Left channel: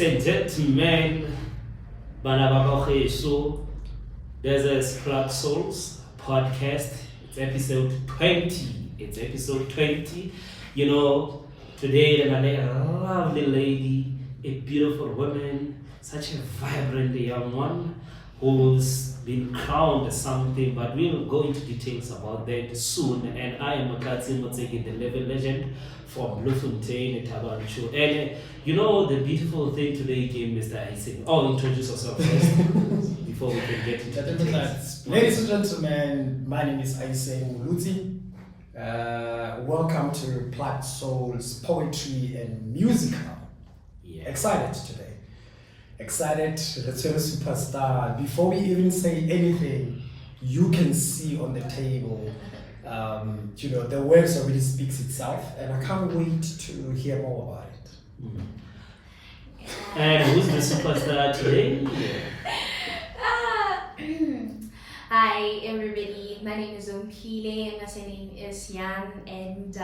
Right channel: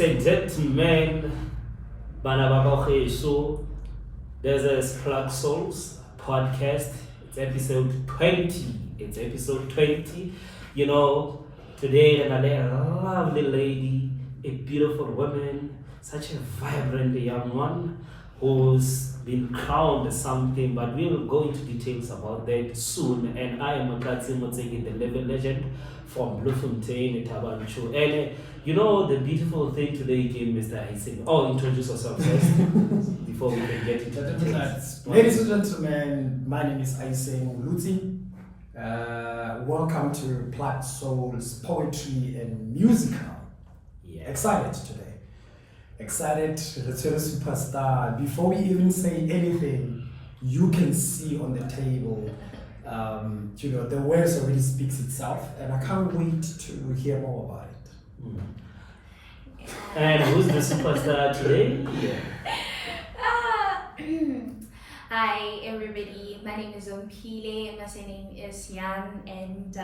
Ladies and gentlemen, so there's a Plug Souls podcast. It's episode 20. It's episode 20. You know, today a lovely lady, a beautiful woman, such a vibrant young one who's been crowned something, but we'll go into details about that soon. And I am Motseki, the level legend from Braamfontein, Tabanchu. And you know the beautiful thing today came, Mr. Aiseng. Oh, introduce yourself first before we can get into details. Ladies and gentlemen, my name is Aiseng Molutsi. Welcome to Plug Souls Poetry and Musical. Yeah. Excited today. Excited to return superstar. Before we even say anything, you can see on the table, the words already speaks itself, and I can't wait to hear more about it. And who's the superstar today? Hi everybody, my name is OMPHILE, my surname is Yan, and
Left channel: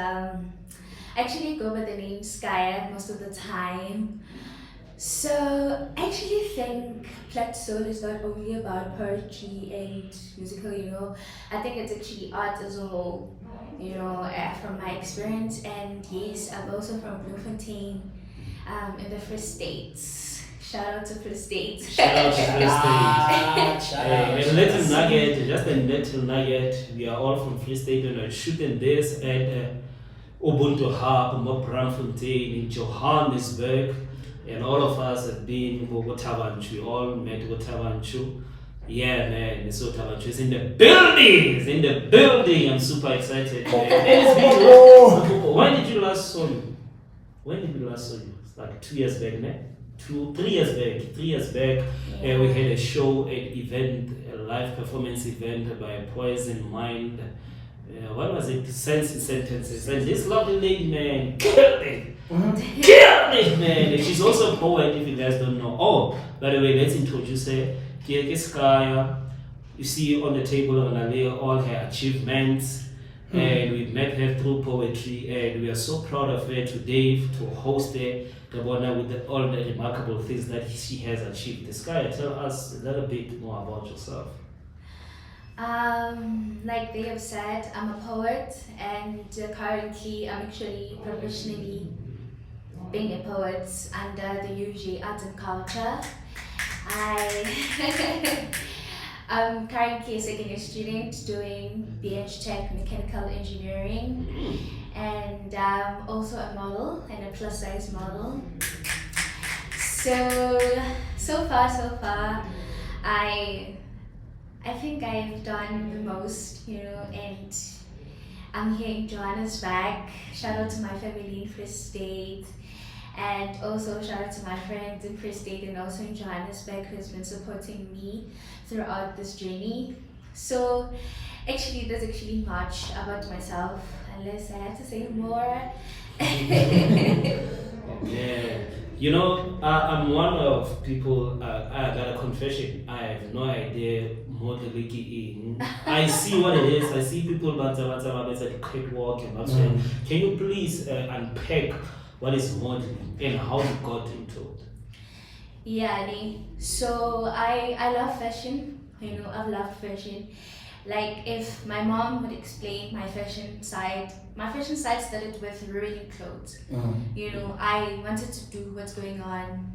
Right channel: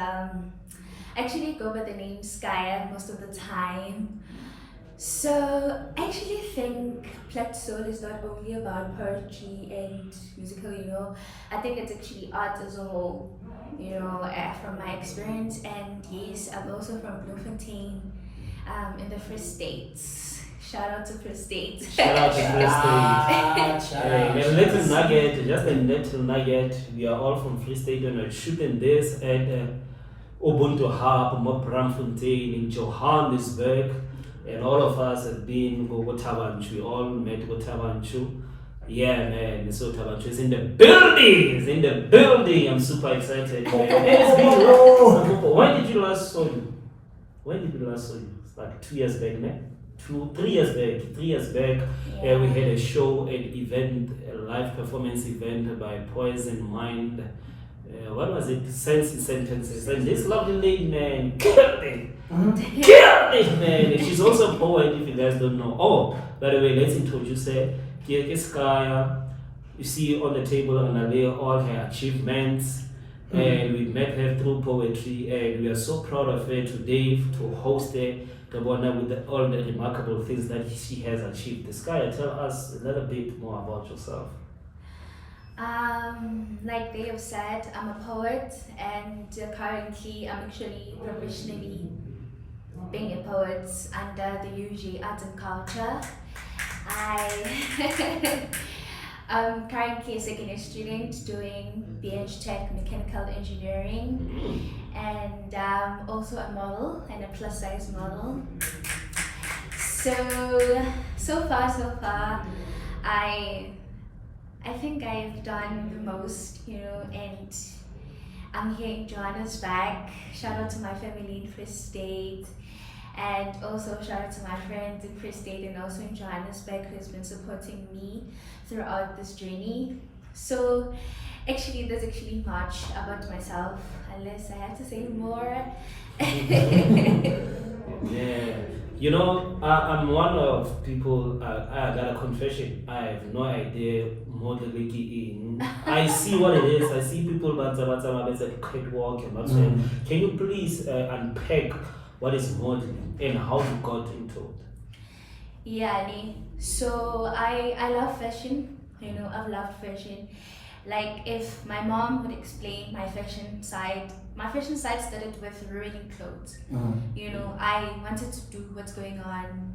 actually go by the name SKYER most of the time. So I actually think Plug Soul is not only about poetry and musical, I think it's actually art as a whole, from my experience. And yes, I'm also from Braamfontein, in the Free States. Shout out to Free State. Shout out to Free State. A little nugget, just a little nugget. We are all from Free State and we're shooting this at Ubuntu Hub, Braamfontein in Johannesburg. And all of us have been Tabanchu. We all met Tabanchu. Yeah, man. So Tabanchu is in the building. It's in the building. I'm super excited. When did you last saw you? It's like 2 years back, man. 3 years back. 3 years back, Yeah. We had a show, an event, a live performance event by Poison Mind. What was it? Sense Sentences. And this lovely lady, man, killed it. Killed it, man. And she's also a poet, if you guys don't know. Oh, by the way, let's introduce her. Here is SKYER. You see on the table on all her achievements. And we met her through poetry, and we are so proud of her today to host her, with all the remarkable things that she has achieved. SKYER, tell us a little bit more about yourself. Like they have said, I'm a poet, and currently I'm actually professionally being a poet under the UG Arts and Culture. I'm currently a second year student doing BH Mechanical Engineering, and I'm also a model and a plus size model. So far, I think I've done the most, and I'm here in Johannesburg. Shout out to my family in Free State, and also shout out to my friends in Free State and also in Johannesburg who's been supporting me throughout this journey. So actually, there's actually much about myself, unless I have to say more. Yeah. I'm one of people, I got a confession. I have no idea Motlhompegi. I see what it is. I see people at the catwalk and Can you please unpack what is modeling and how you got into it? Yeah, so I love fashion. I've loved fashion. Like if my mom would explain my fashion side started with ruining clothes. I wanted to do what's going on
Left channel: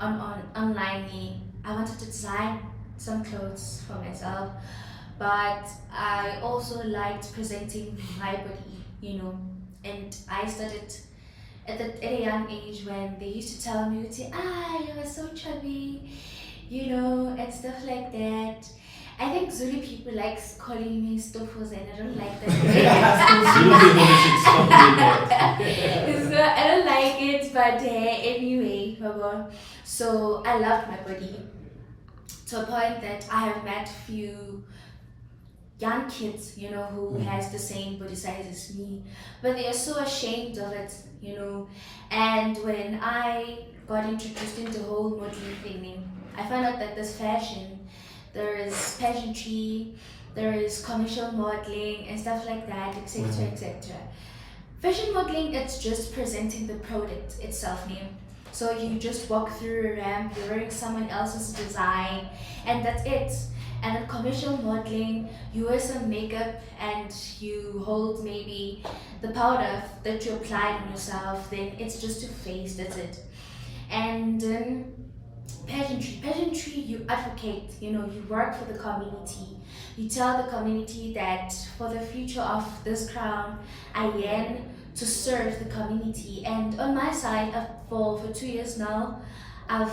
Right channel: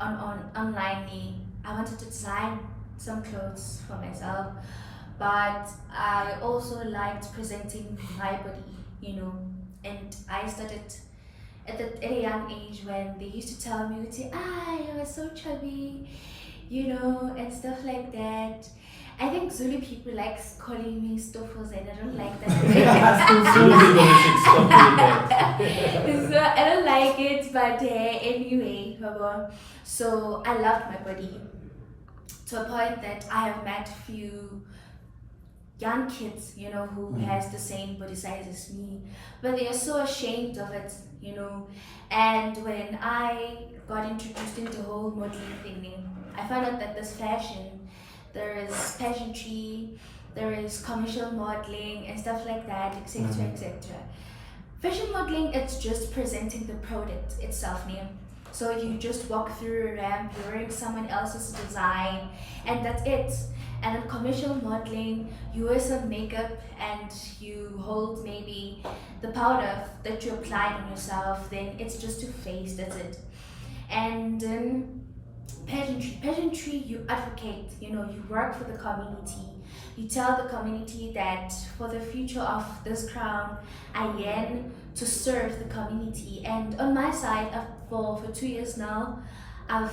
online. I wanted to design some clothes for myself, but I also liked presenting my body, and I started at a young age when they used to tell me, you're so chubby, and stuff like that. I think Zulu people like calling me stofos, and I don't like that. Zulu people should stop doing that. So I don't like it, but anyway, so I loved my body to a point that I have met few young kids, who has the same body size as me, but they are so ashamed of it, And when I got introduced into the whole modeling thing, I found out that this fashion, there is pageantry, there is commercial modeling and stuff like that, etc. Fashion modeling, it's just presenting the product itself, So you just walk through a ramp, you're wearing someone else's design, and that's it. And then commercial modeling, you wear some makeup and you hold maybe the powder that you applied on yourself, then it's just a face, that's it. And pageantry, you advocate, you work for the community. You tell the community that for the future of this crown, I yearn to serve the community. And on my side, for 2 years now, I've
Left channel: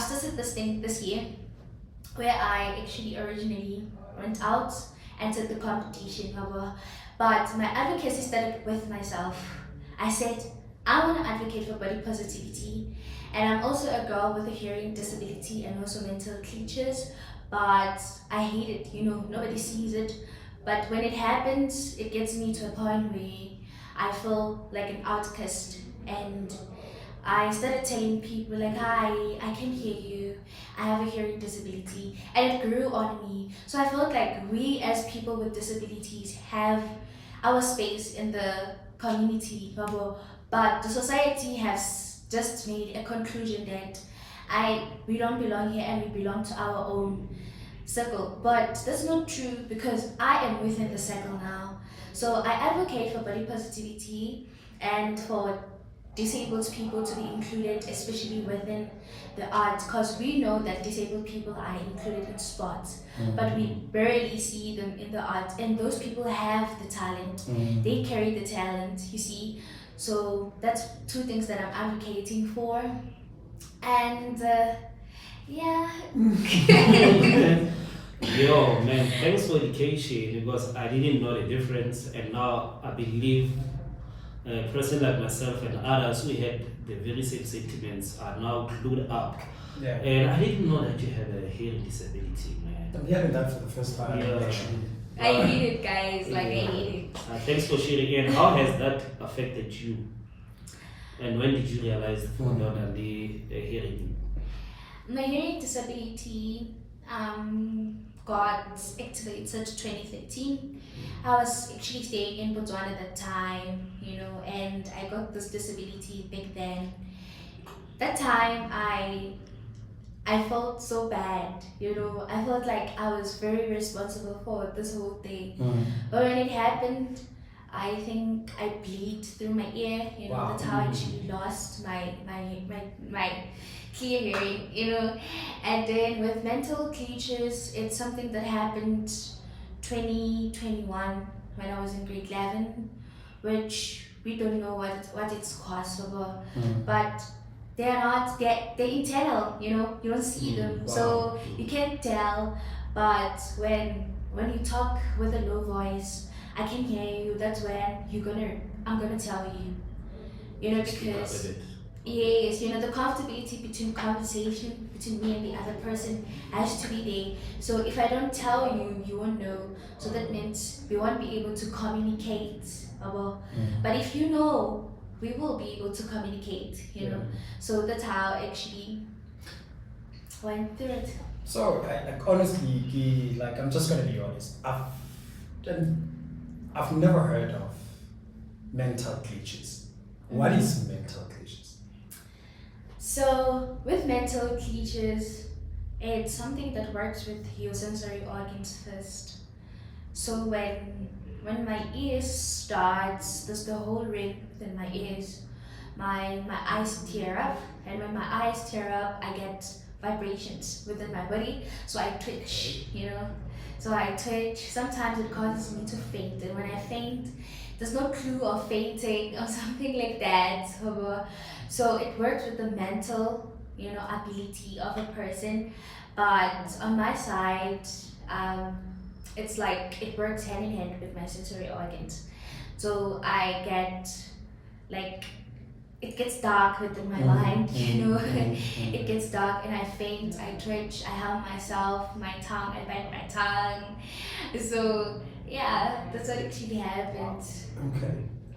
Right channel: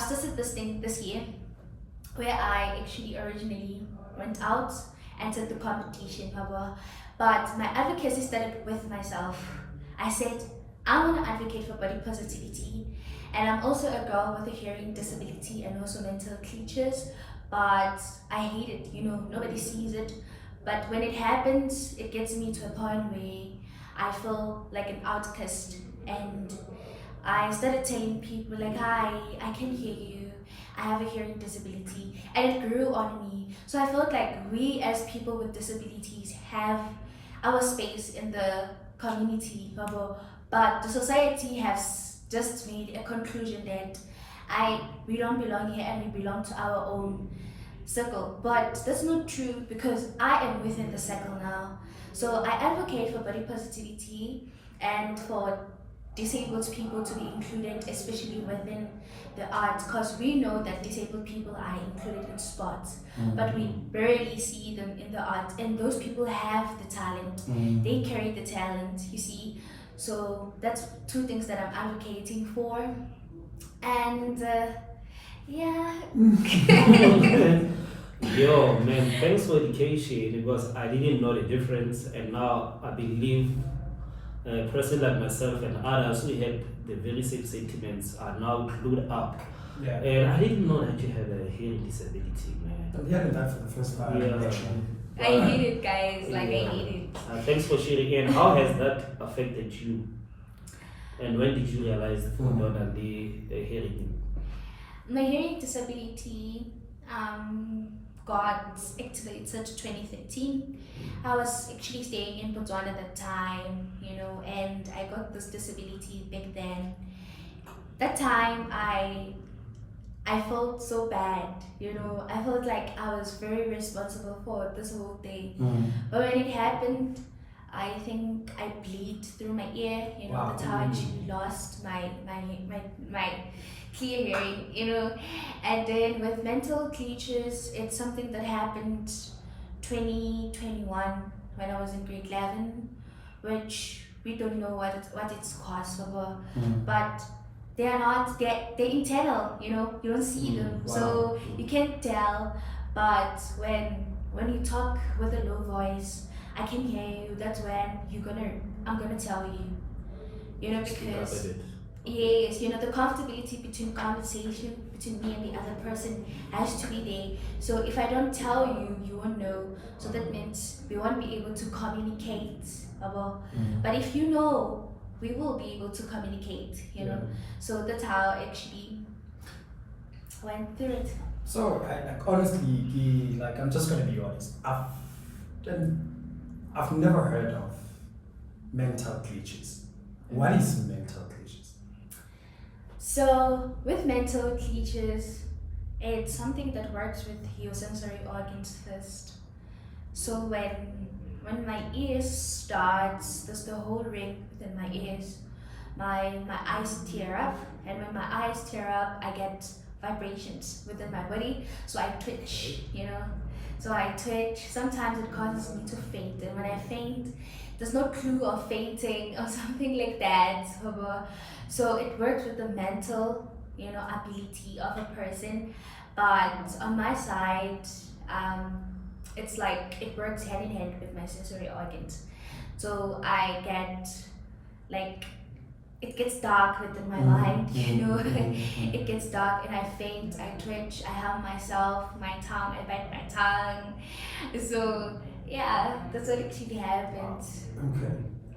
started this thing this year, where I actually originally went out and did the competition, but my advocacy started with myself. I said, I want to advocate for body positivity, and I'm also a girl with a hearing disability and also mental glitches, but I hate it, nobody sees it. But when it happens, it gets me to a point where I feel like an outcast, and I started telling people like, hi, I can hear you, I have a hearing disability, and it grew on me. So I felt like we as people with disabilities have our space in the community, but the society has just made a conclusion that we don't belong here and we belong to our own circle. But that's not true, because I am within the circle now. So I advocate for body positivity and for disabled people to be included, especially within the arts, because we know that disabled people are included in sports, but we barely see them in the arts, and those people have the talent. They carry the talent, you see. So that's two things that I'm advocating for. And yeah. Yo, man, thanks for education, because I didn't know the difference, and now I believe a person like myself and others who had the very same sentiments are now clued up. Yeah. And I didn't know that you have a hearing disability, man. I'm hearing that for the first time. Yeah. Actually. I hate it, guys. I hate it. Thanks for sharing. And how has that affected you? And when did you realize the hearing? My hearing disability got activated 2013. I was actually staying in Botswana at that time, and I got this disability back then. That time I felt so bad, I felt like I was very responsible for this whole thing. But when it happened, I think I bleed through my ear, Wow. that's how I actually lost my clear hearing, and then with mental glitches, it's something that happened 2021 when I was in grade 11, which we don't know what it's caused of, but they're internal, you don't see them, Wow. so you can't tell. But when you talk with a low voice, I can hear you, that's when I'm gonna tell you, because yes, the comfortability between conversation between me and the other person has to be there. So if I don't tell you, you won't know. So that means we won't be able to communicate. But if you know, we will be able to communicate, So that's how I actually went through it. So, honestly, I'm just gonna be honest. I've never heard of mental glitches. What is mental glitches? So with mental glitches, it's something that works with your sensory organs first. So when my ears starts, there's the whole ring within my ears. My eyes tear up, and when my eyes tear up, I get vibrations within my body. So I twitch, So I twitch. Sometimes it causes me to faint, and when I faint, there's no clue of fainting or something like that. So it works with the mental, ability of a person. But on my side, it's like it works hand in hand with my sensory organs. So I get it gets dark within my mind, It gets dark and I faint, I twitch, I harm myself, my tongue, I bite my tongue. So yeah, that's what actually happens. Okay.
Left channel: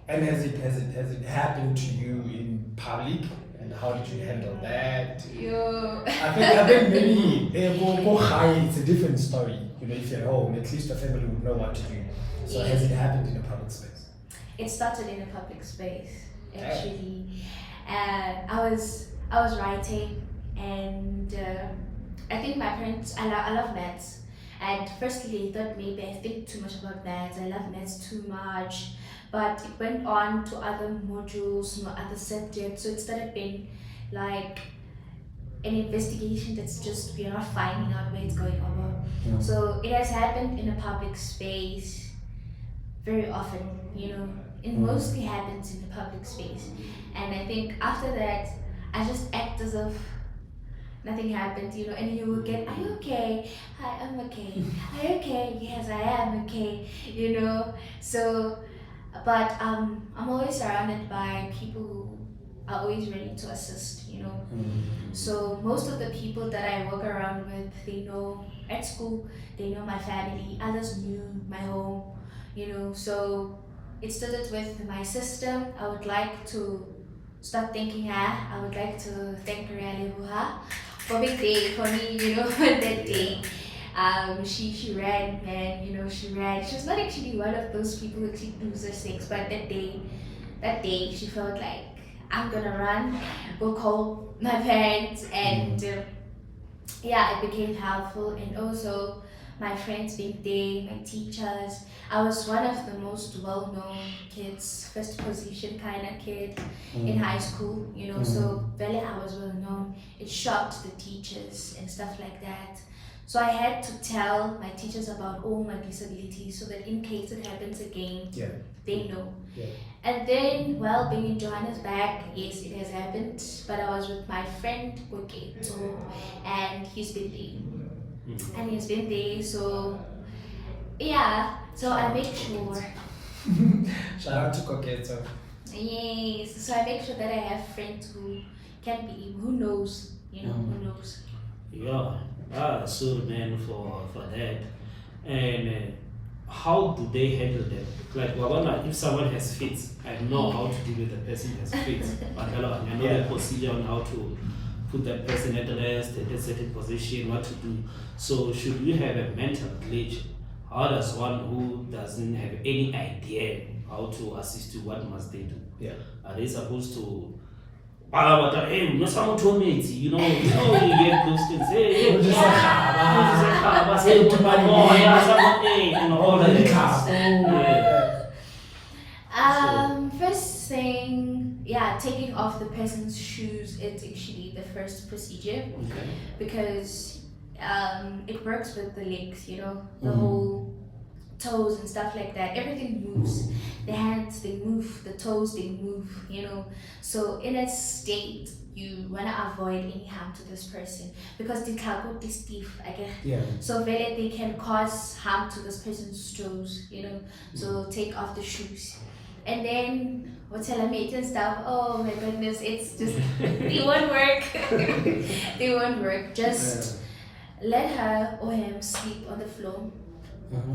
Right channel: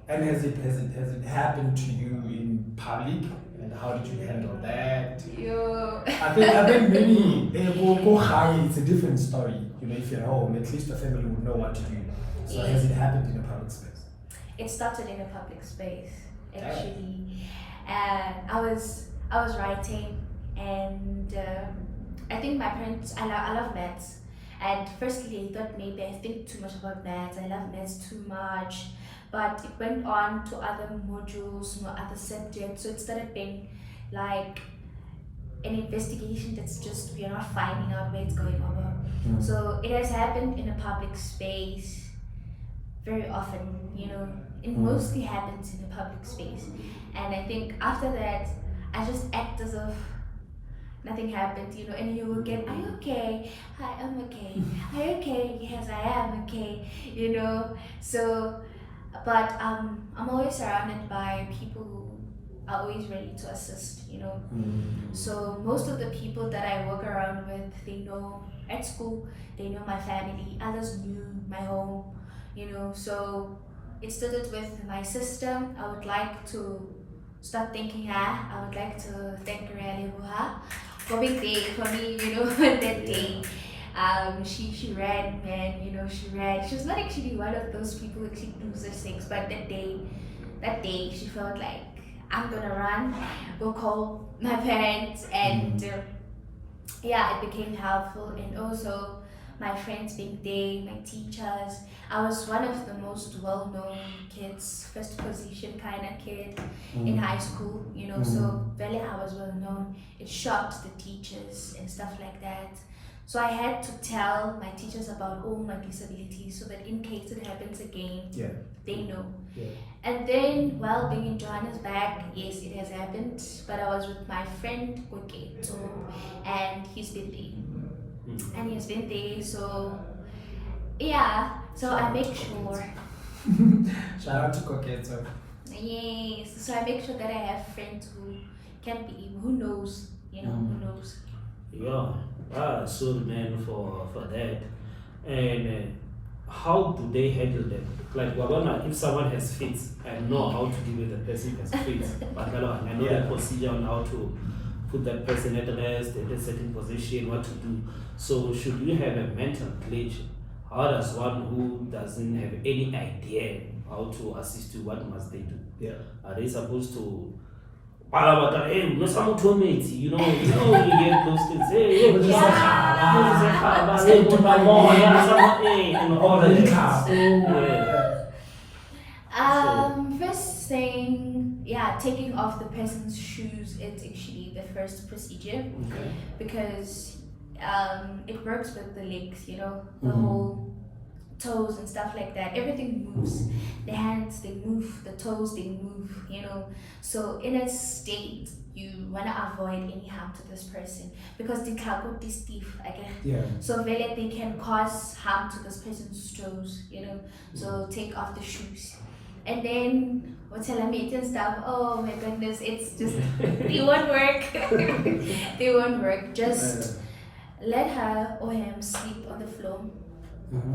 And has it happened to you in public? And how did you handle that? I think maybe go high, it's a different story. If you're at home, at least the family would know what to do. So has it happened in a public space? It started in a public space, actually. And I was writing, and I think my parents, I love maths. And firstly, they thought maybe I think too much about maths. I love maths too much, but it went on to other modules, other subjects. So it started being like an investigation that's just we're not finding out where it's going over. So it has happened in a public space very often, it mostly happens in the public space. And I think after that, I just act as if nothing happened, and you will get, are you okay? Hi, I'm okay. Are you okay? Yes, I am okay, So, but I'm always surrounded by people who are always ready to assist, So most of the people that I work around with, they know at school, they know my family, others knew my home, So it started with my sister. I would like to start thanking her. I would like to thank her for big day for me, that day. She ran, man, she ran. She was not actually one of those people who actually loses things, but that day she felt like, I'm gonna run, go call my parents, and it became helpful. And also my friends being there, my teachers. I was one of the most well-known kids, first position kind of kid in high school, so really I was well-known. It shocked the teachers and stuff like that. So I had to tell my teachers about all my disabilities so that in case it happens again, they know. Yeah. And then, while being in Johannesburg, yes, it has happened, but I was with my friend Koketo, and he's been there. So so I make sure. Shout out to Koketo. Yes, so I make sure that I have friends who can be, who knows, who knows. Yeah, so man for that. And how do they handle them? Like, if someone has fits, I know how to deal with the person who has fits. But I know the procedure on how to put that person at rest, at a certain position, what to do. So should you have a mental glitch? How does one who doesn't have any idea how to assist you, what must they do? Yeah. Are they supposed to hey, someone told me, you get those things. Hey, and all that. First thing, taking off the person's shoes, it's actually the first procedure. Okay. Because it works with the legs, the whole toes and stuff like that. Everything moves. The hands, they move. The toes, they move, So in a state, you want to avoid any harm to this person because the cargo is stiff, So really they can cause harm to this person's toes, So take off the shoes. And then meat and stuff, oh my goodness, it's just, they won't work. They won't work. Just let her or him sleep on the floor.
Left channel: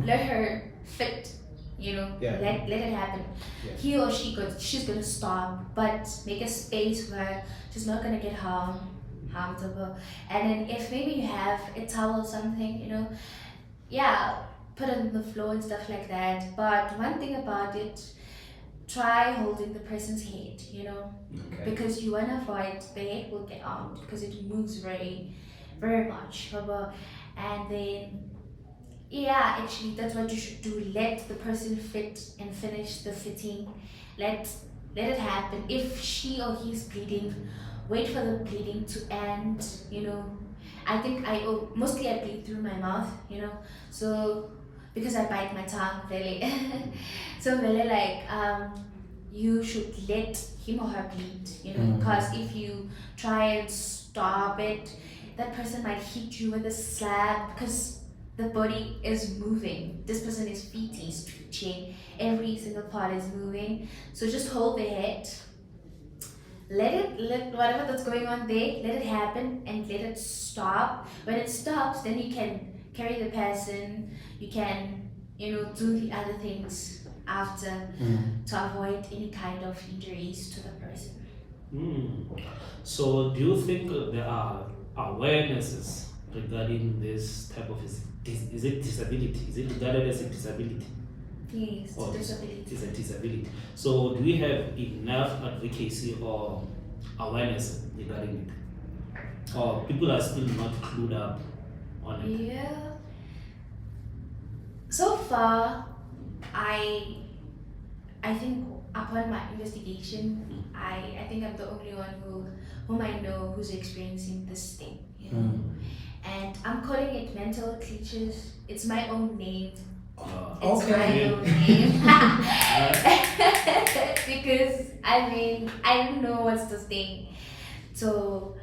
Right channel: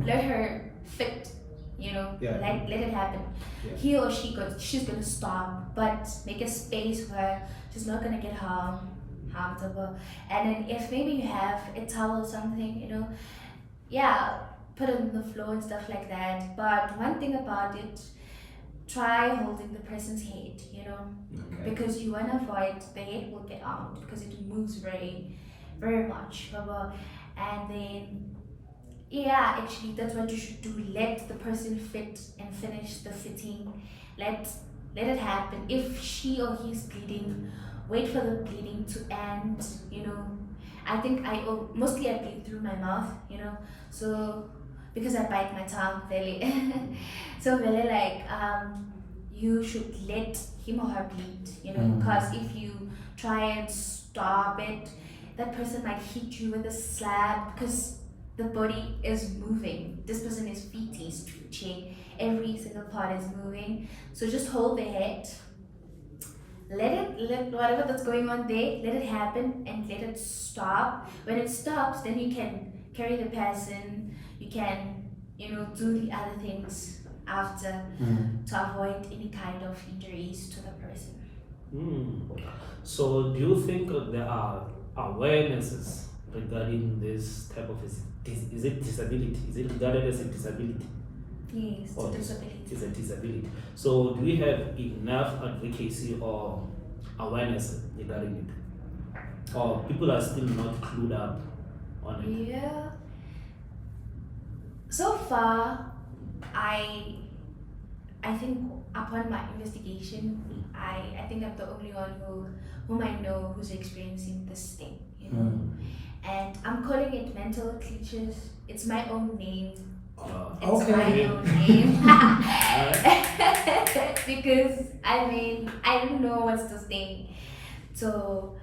Let her fit, let it happen. He or she's gonna stop, but make a space where she's not gonna get harmed. And then if maybe you have a towel or something, put it on the floor and stuff like that. But one thing about it, try holding the person's head, because you want to avoid the head will get out because it moves very, very much. And then, actually, that's what you should do. Let the person fit and finish the fitting. Let it happen. If she or he's bleeding, wait for the bleeding to end. I think mostly I bleed through my mouth. So because I bite my tongue really. So really you should let him or her bleed. Because if you try and stop it, that person might hit you with a slab because the body is moving. This person is feeding, stretching. Every single part is moving. So just hold the head. Let whatever that's going on there, let it happen and let it stop. When it stops, then you can carry the person. You can, do the other things after to avoid any kind of injuries to the person. So do you think there are awarenesses regarding this type of is it disability? Is it regarded as a disability? Yes, it's a disability. It's a disability. So do we have enough advocacy or awareness regarding it? Or people are still not clued up on it? Yeah. So far, I think upon my investigation, I think I'm the only one whom I know who's experiencing this thing, you know. And I'm calling it mental glitches. It's my own name. It's my own name. Because I mean I don't know what's the thing. So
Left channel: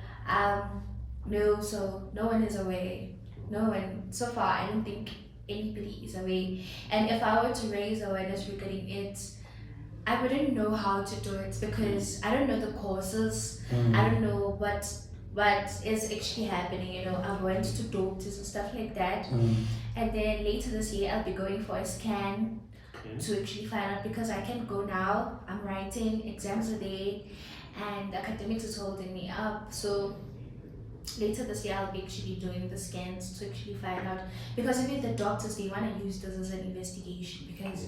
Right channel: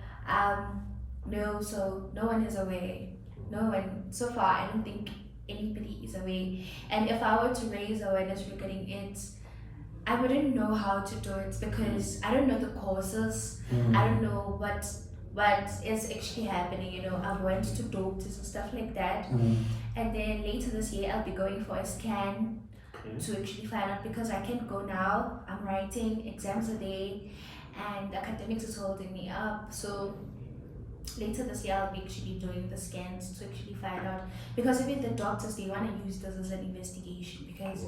no one is aware. No one so far I don't think anybody is aware. And if I were to raise awareness regarding it, I wouldn't know how to do it because I don't know the causes. I don't know what is actually happening. You know, I've went to doctors and stuff like that. And then later this year I'll be going for a scan to actually find out, because I can't go now. I'm writing, exams are there, and academics is holding me up. So later this year I'll be actually doing the scans to actually find out, because even the doctors, they want to use this as an investigation because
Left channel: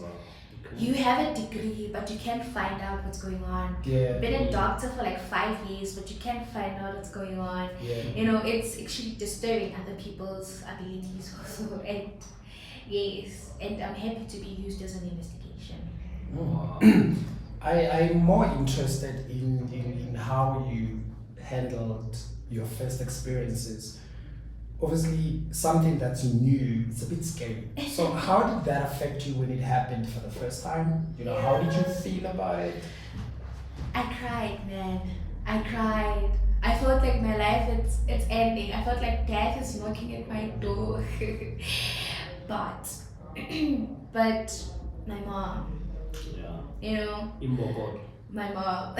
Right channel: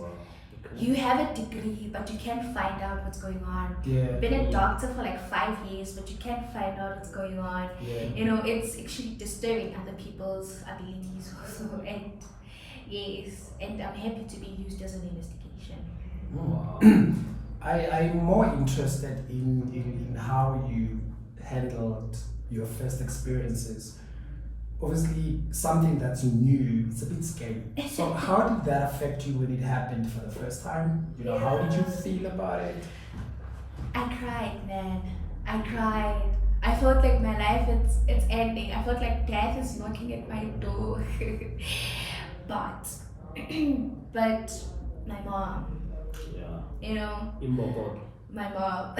you have a degree but you can't find out what's going on. You've been a doctor for like 5 years but you can't find out what's going on. You know, it's actually disturbing other people's abilities also. And yes, and I'm happy to be used as an investigation. I'm more interested in how you handled your first experiences. Obviously, something that's new, it's a bit scary. So how did that affect you when it happened for the first time? You know, how did you feel about it? I cried, man. I cried. I felt like my life it's ending. I felt like death is knocking at my door. but my mom, you know, my mom,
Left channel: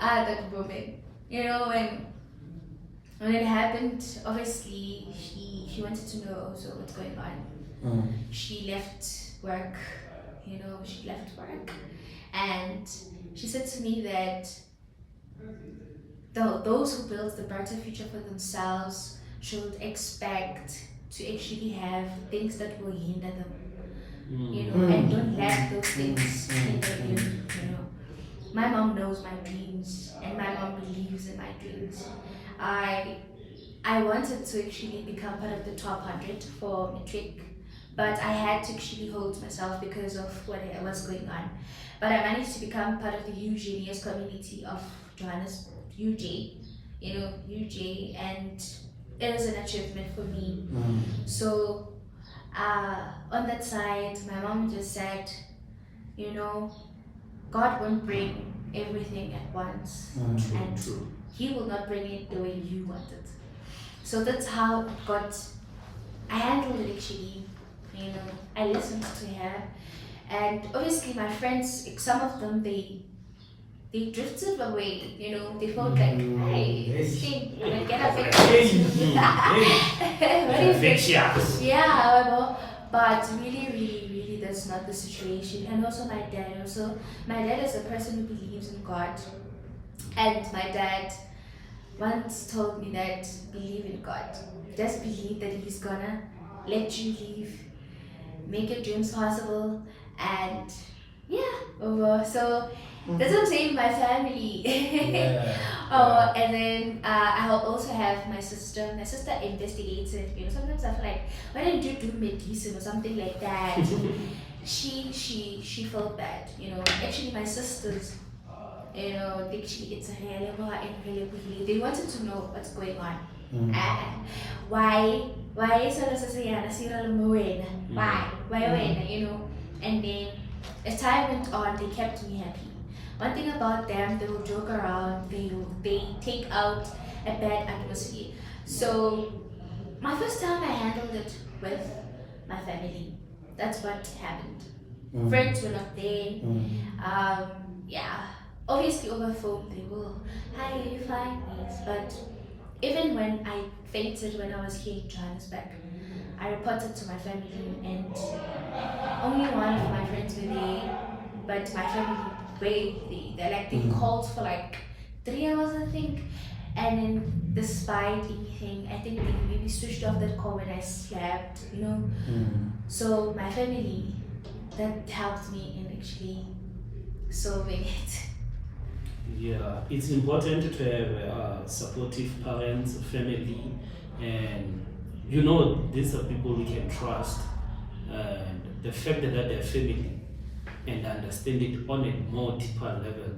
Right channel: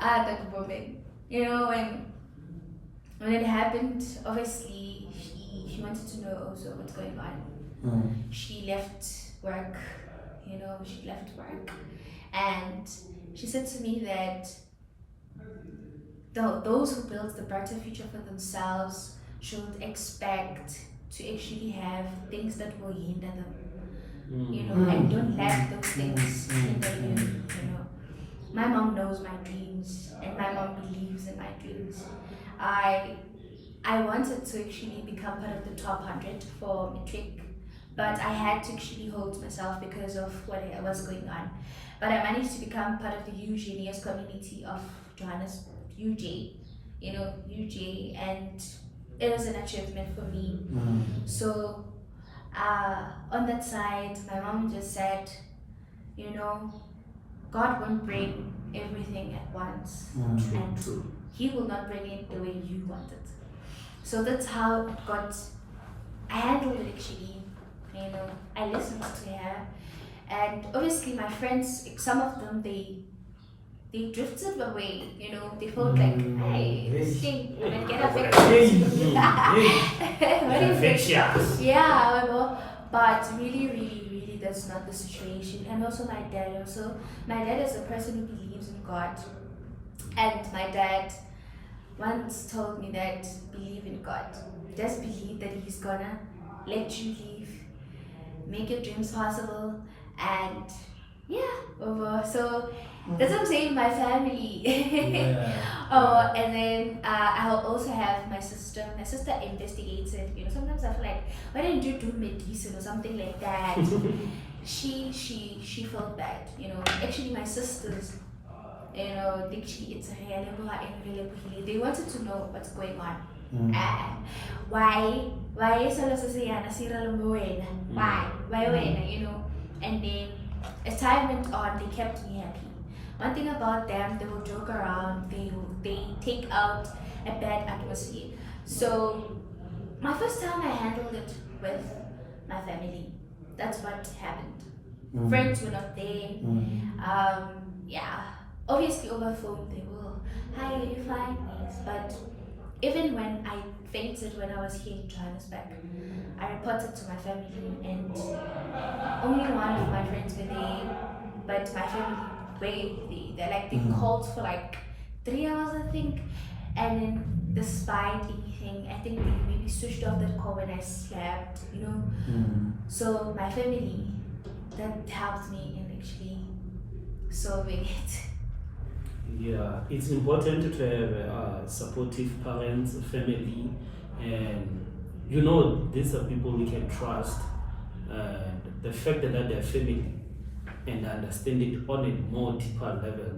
that woman, you know, when it happened, obviously she wanted to know also what's going on. She left work, you know, and she said to me that those who build the brighter future for themselves should expect to actually have things that will hinder them, you know, and don't let those things hinder you, you know. My mom knows my dreams and my mom believes in my dreams. I wanted to actually become part of the top 100 for matric, but I had to actually hold myself because of what was going on. But I managed to become part of the UJ community of Johannesburg, UJ, you know, UJ, and it was an achievement for me. So on that side, my mom just said, you know, God won't bring everything at once, and He will not bring it the way you want it. So that's how it got. I handled it actually. You know, I listened to her, and obviously my friends, some of them, they drifted away. You know, they felt like, hey, this thing, I'm gonna get affected. Yeah, well, but really, that's not the situation. And also my dad. My dad is a person who believes in God, and my dad once told me that believe in God. Just believe that He's gonna let you live, make your dreams possible, and yeah. So that's what I'm saying. My family. And then I also have my sister. My sister investigated. You know, sometimes I feel like, why didn't you do medicine or something like that? she felt bad. You know, actually my sisters, you know, they wanted to know what's going on. Why is why, you know? And then as time went on, they kept me happy. One thing about them, they will joke around, they take out a bad atmosphere. So my first time I handled it with my family. That's what happened. Friends were not there. Obviously over phone they will, hi, are you fine? Yes. But even when I fainted when I was here in Johannesburg, I reported to my family, and only one of my friends were there, but my family they called for like 3 hours, I think. And then despite anything, I think they maybe switched off that call when I slept, you know. So my family, that helped me in actually solving it. Yeah, it's important to have supportive parents, family, and these are people we can trust. And the fact that they're family and understand it on a more deeper level.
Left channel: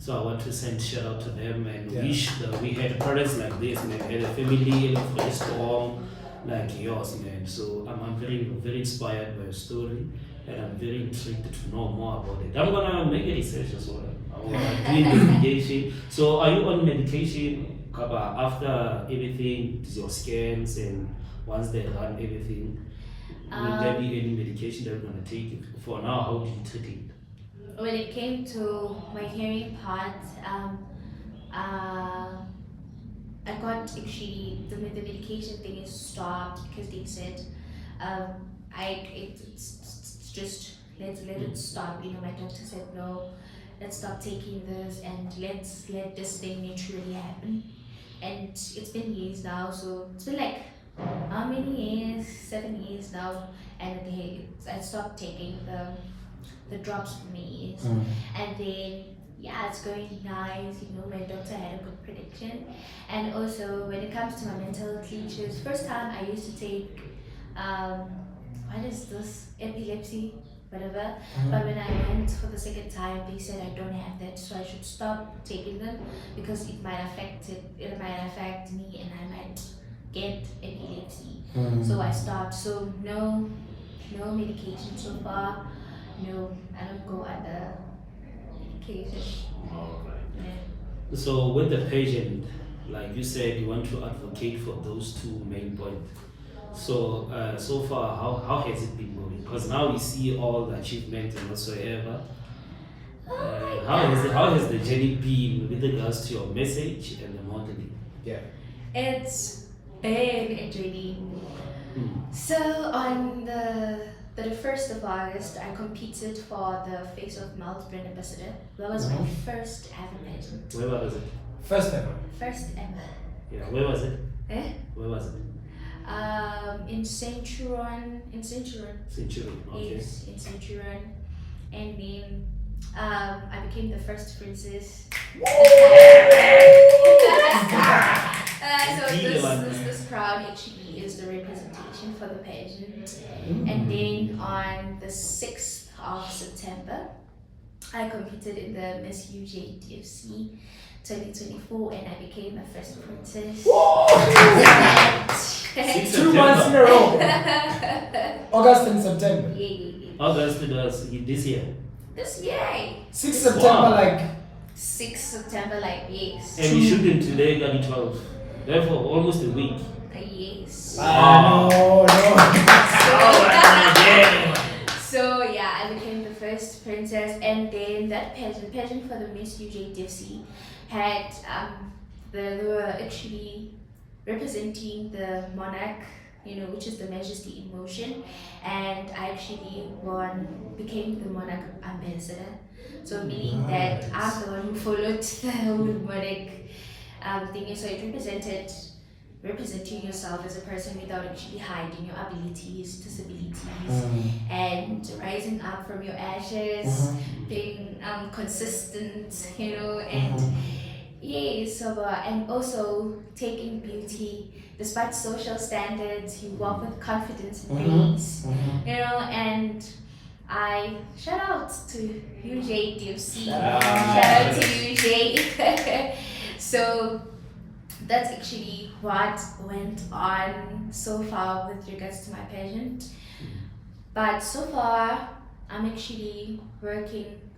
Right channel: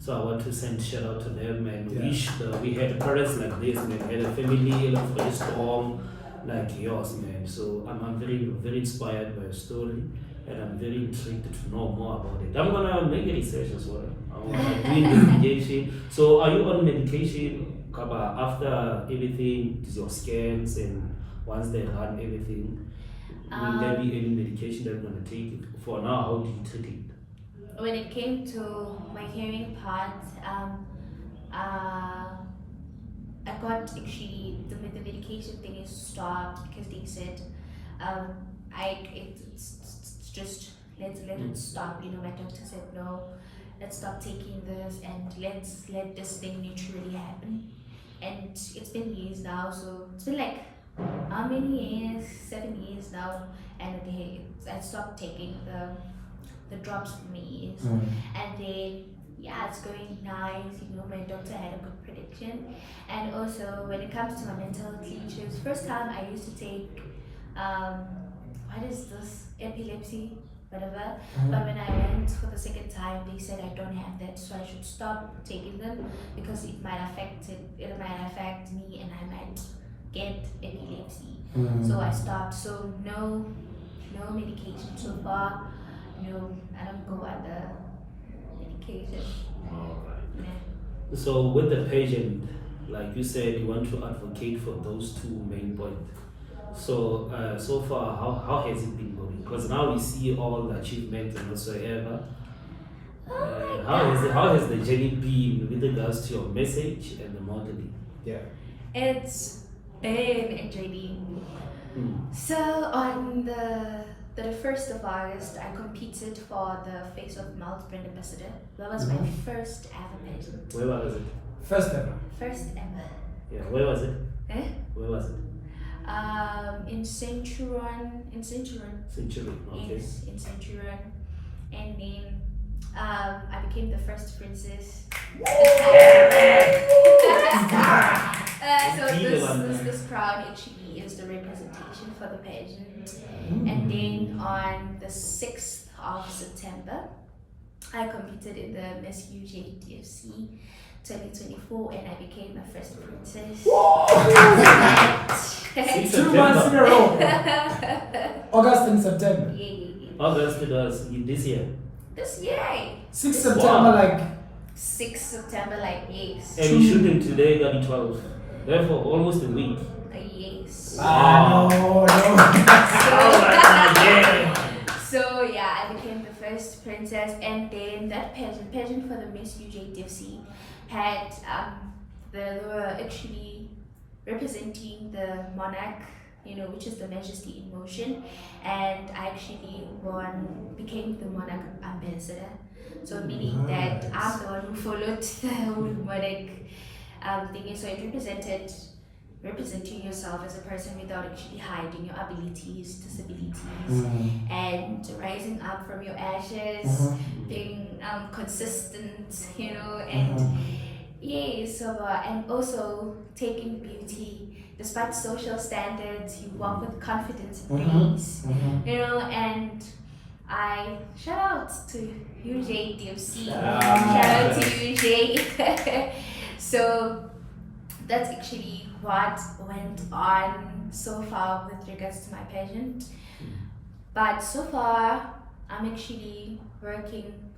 So I want to send shout out to them and wish that we had parents like this, man, had a family like very strong like yours, man. So I'm very, very inspired by your story and I'm very intrigued to know more about it. I'm gonna make a research as well. I'm gonna do investigation. So are you on medication, Kaba, after everything, your scans and once they run everything? Will there be any medication that we're gonna take? For now, how do you treat it? When it came to my hearing part, I got actually the medication thing is stopped because they said it's just let it stop. My doctor said no, let's stop taking this and let's let this thing naturally happen. And it's been years now, so it's been like how many years? 7 years now, and I stopped taking the drops for me, and then it's going nice. My doctor had a good prediction, and also when it comes to my mental health issues, first time I used to take what is this, epilepsy, whatever. But when I went for the second time, they said I don't have that, so I should stop taking them because it might affect me, and I might get epilepsy. So I stopped. So no medication so far. No, I don't go under medication. Yeah. So with the patient, like you said, you want to advocate for those two main points. So so far, how has it been going? Because now we see all the achievements and whatsoever. How has the journey been with regards to your message and the modeling? Yeah. It's been a journey. So on the 1st of August, I competed for the Face of Mouth brand ambassador. That was my first ever pageant. Where was it? First ever. First ever. Yeah, where was it? Where was it? In Centurion. Centurion, okay. Yes, in Centurion. And then I became the first princess. So this crown actually is the representation for the pageant. And then on the 6th of September, I competed in the Miss UJ DFC 2024 and I became the first princess. 2 months in a row. August and September. Yeah. August this year. This year. 6 September, like 6 September, like yes. And we shooting today, got 12. Therefore, almost a week. Yes. No. So yeah, I became the first princess, and then that pageant for the Miss UJ DFC had they were actually representing the monarch, which is the Majesty in motion, and I actually became the monarch ambassador. So meaning that I'm the one who followed the whole monarch thing. So it representing yourself as a person without actually hiding your abilities, disabilities, and rising up from your ashes, being consistent, and and also taking beauty despite social standards. You walk with confidence and grace, and I shout out to UJ DFC. Shout out to UJ. So that's actually what went on so far with regards to my pageant. But so far, I'm actually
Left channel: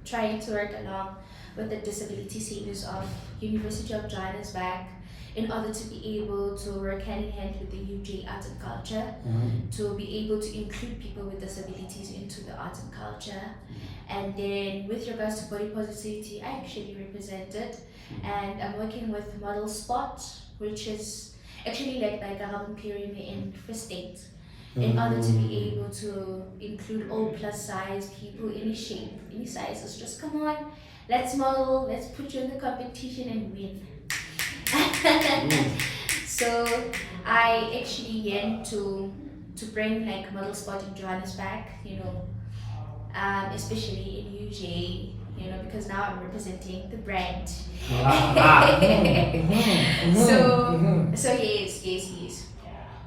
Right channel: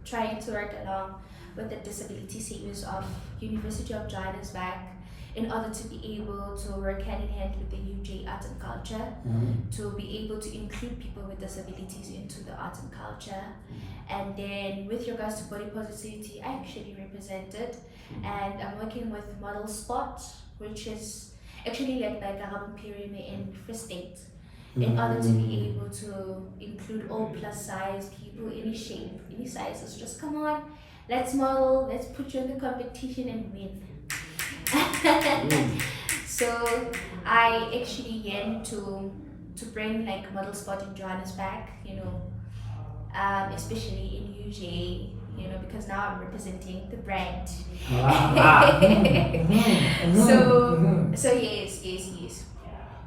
trying to work along with the disability savers of University of Johannesburg in order to be able to work hand in hand with the UJ Arts and Culture, to be able to include people with disabilities into the arts and culture. And then with regards to body positivity, I actually represented, and I'm working with Model Spot, which is actually like Braamfontein in Free State, in order to be able to include all plus size people, any shape, any sizes. Just come on, let's model, let's put you in the competition and win. So I actually yearn to bring like Model Spot in Johannesburg, especially in UJ, because now I'm representing the brand. So yes.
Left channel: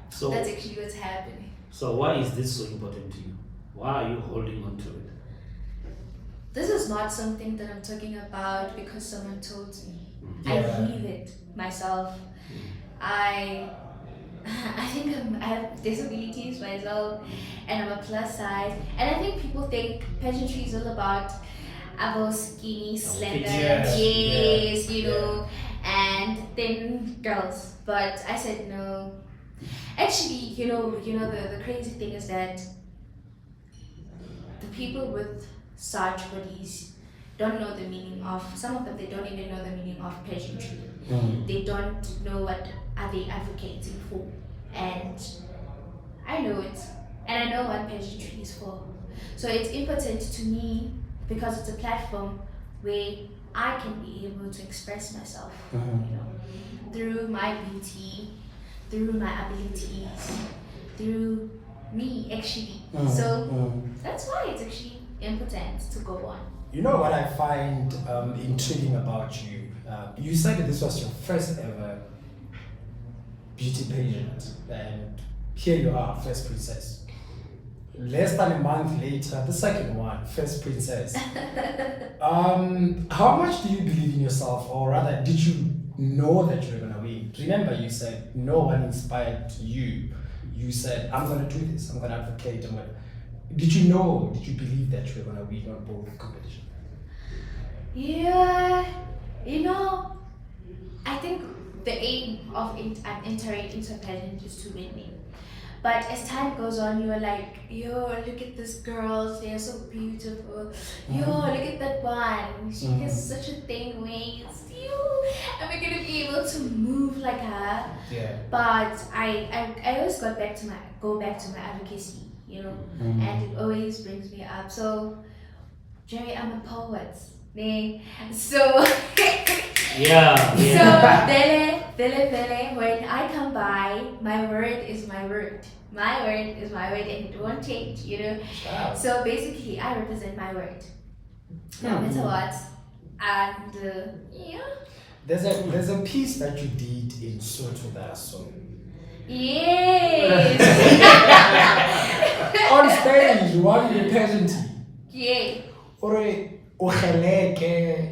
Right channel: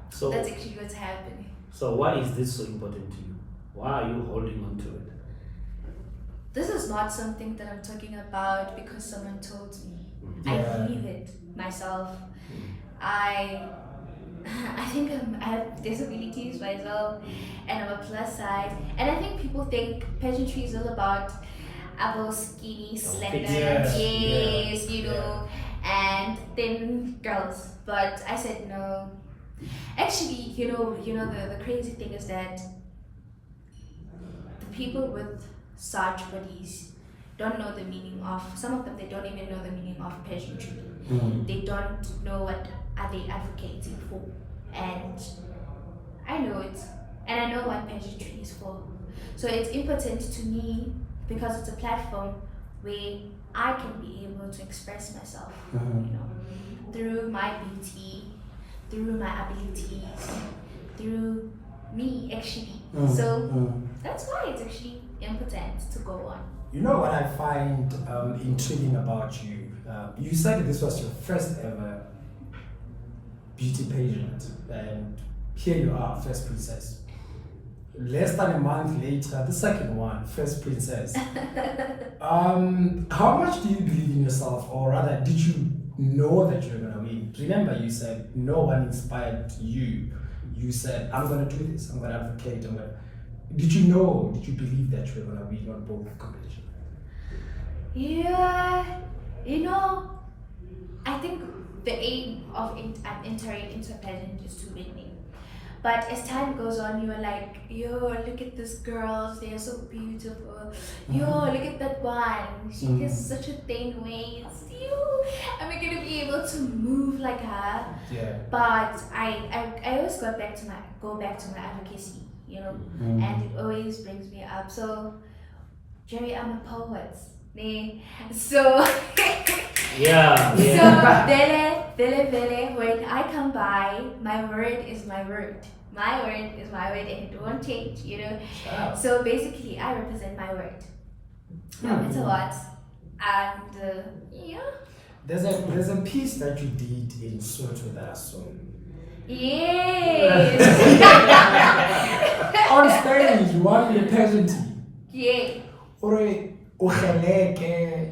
So That's actually what's happening. So why is this so important to you? Why are you holding on to it? This is not something that I'm talking about because someone told me. I Yeah. believe it myself. I think I have disabilities myself, and I'm a plus size. And I think people think pageantry is all about skinny, slender, Yeah. yes, Yeah. and thin girls. But I said no. Actually, the crazy thing is that the people with such bodies don't know the meaning of, some of them, they don't even know the meaning of pageantry. They don't know what are they advocating for. And I know it. And I know what pageantry is for. So it's important to me because it's a platform where I can be able to express myself, through my beauty, through my abilities, through me actually. So that's why it's actually important to go on. You know what I find intriguing about you? You said this was your first ever beauty pageant, and here you are, first princess. Less than a month later, the second one, first princess. How much do you believe in yourself, or rather, did you know that you were gonna win? Remember, you said no one inspired you. You said, I'm gonna do this, I'm gonna advocate. Did you know, did you believe that you were gonna win on both competitions? Yeah, I think the aim of entering into a pageant is to win. But as time goes on, you're like, yo, look at this girl, they are so beautiful. Yo, look at that one, she has such a thin waist. Yo, am I gonna be able to move like her? Yeah. But I always go back to my advocacy, and it always brings me up. So, Jerry, I'm a poet. So Yeah. So Vele, when I come by, my word is my word. My word is my word, and it won't change, Wow. So basically, I represent my word, no matter what. And yeah. There's a piece that you did in Sotho with us, so Yes. on stage, you want the pageantry. Yeah. Ore ugeleke.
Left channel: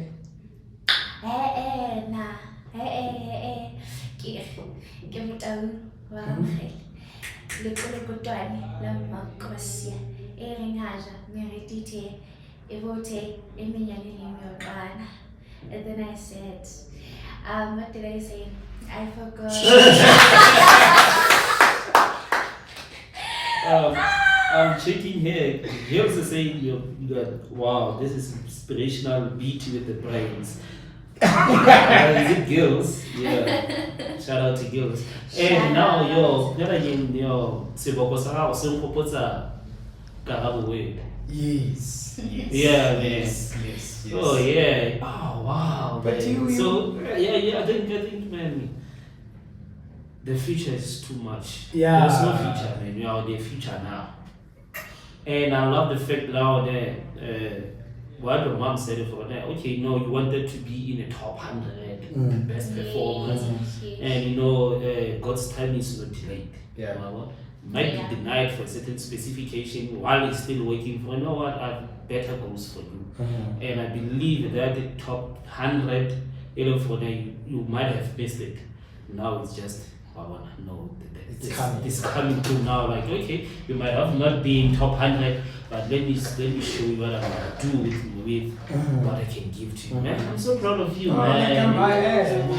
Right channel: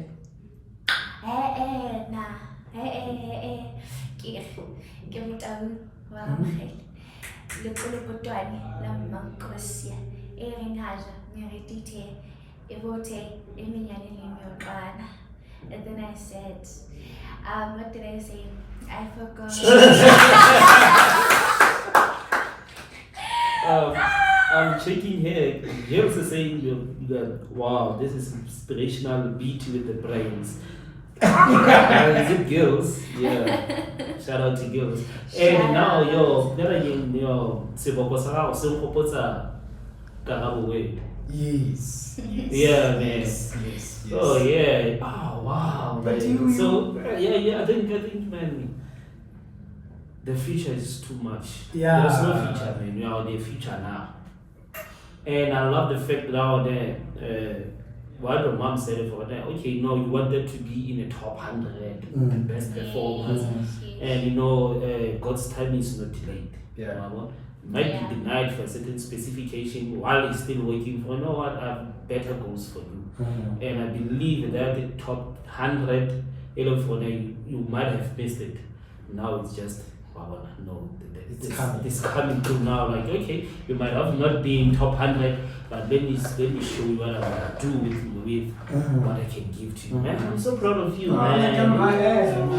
Ke motau wa Amogela lekolokotwane la Makosia e reng haja meretite e vote e menyane le myoqana. And then I said, what did I say? I forgot. I'm checking here. Girls are saying that wow, this is inspirational beat with the brains. Is it girls? Yeah. Shout out to girls. And now then again, seboko sa gago se nkgopotsa karabo word. Yes. Yeah, man. Yes. Oh yeah. Oh wow. But Man. So yeah. I think, man, the future is too much. Yeah. There's no future, man. We are the future now. And I love the fact now that what your mom said for that. Okay, no, you wanted to be in the top 100, the best performers, and God's time is not delayed. Yeah. Might be denied for a certain specification while he's still waiting for. I have better goals for you. And I believe that the top 100, you might have missed it. Now it's just, it's coming through now. Like, okay, you might have not been top 100, but let me show you what I'm gonna do with what I can give to you. Man, I'm so proud of you, man. I am.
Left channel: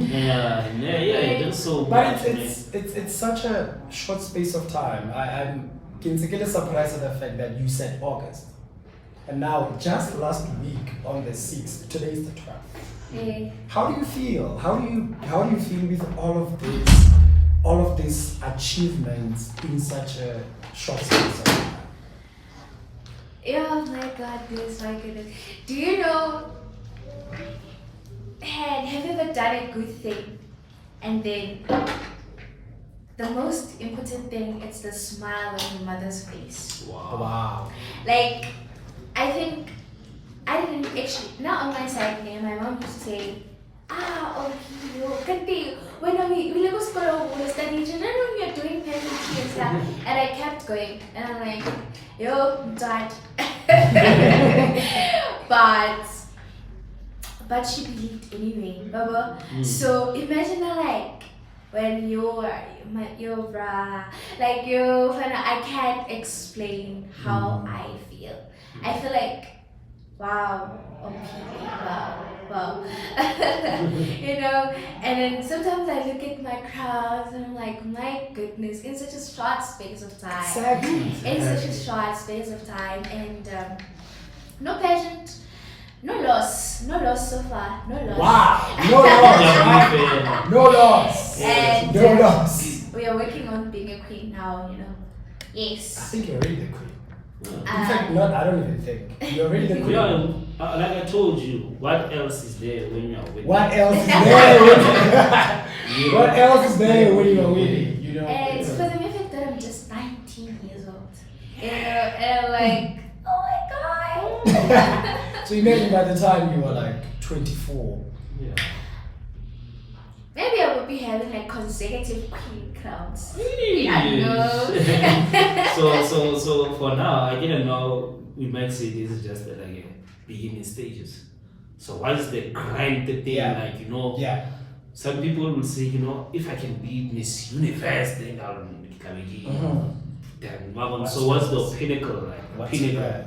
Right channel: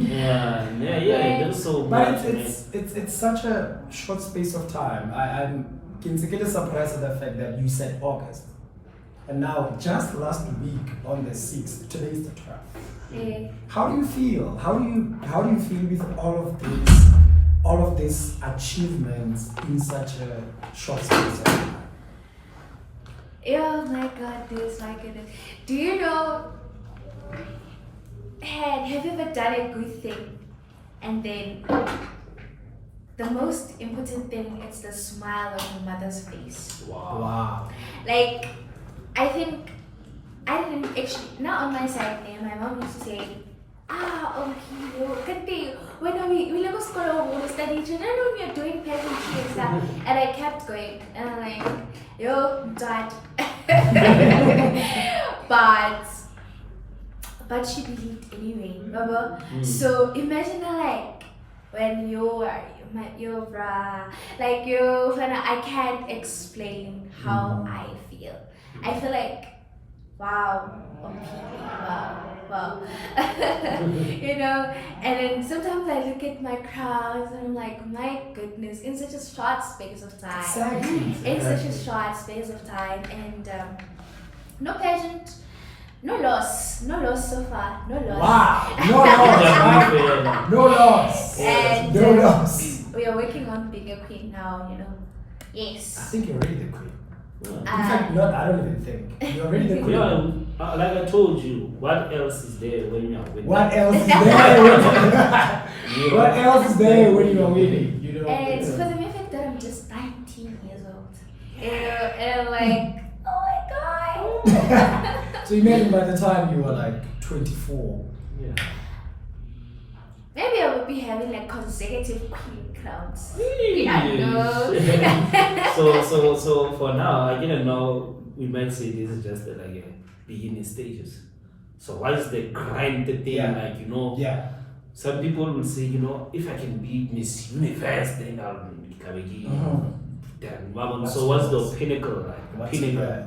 Yeah, that's so But much. it's such a short space of time. I'm surprised at the fact that you said August. And now, just last week on the 6th, today is the 12th. Yeah. How do you feel? How do you feel with all of these achievements in such a short space of time? Oh my goodness. Do you know? Have you ever done a good thing and then the most important thing is the smile on your mother's face. Wow. Like, I think I didn't actually, not on my side, my mom used to say, OMPHILE, kante, when we go school or study, you know, we are doing pageantry and stuff. And I kept going, and I'm like, yo, dad. But she believed anyway, Baba. So imagine like when you're like I can't explain how I feel. I feel like, wow, wow. You know, and then sometimes I look at my crowds and I'm like, my goodness, in such a short space of time. Exactly. In such a short space of time, and no pageant, no loss so far, no loss. Wow, no loss. No loss. And No loss. we are working on being a queen now, you know. I Yes. think you're already the queen. In Yeah. fact, I don't even think. You're already the You queen. know, like I told you, what else is there when you're winning? What else is there? What else is there when you're winning? You know? And it's for the mere fact that I'm just 19 years old. You know, and I'm like, oh my god. So imagine by the time you were like 24. Yeah. Maybe I would be having like consecutive queen crowns. Yeah. No. So for now, I didn't know. We might say this is just like a beginning stages. So what is the grind thing? Yeah. Like, you know, Yeah. some people will say, you know, if I can be Miss Universe, then I'll become a king. Then so what's the pinnacle like? What's Pinnacle. that?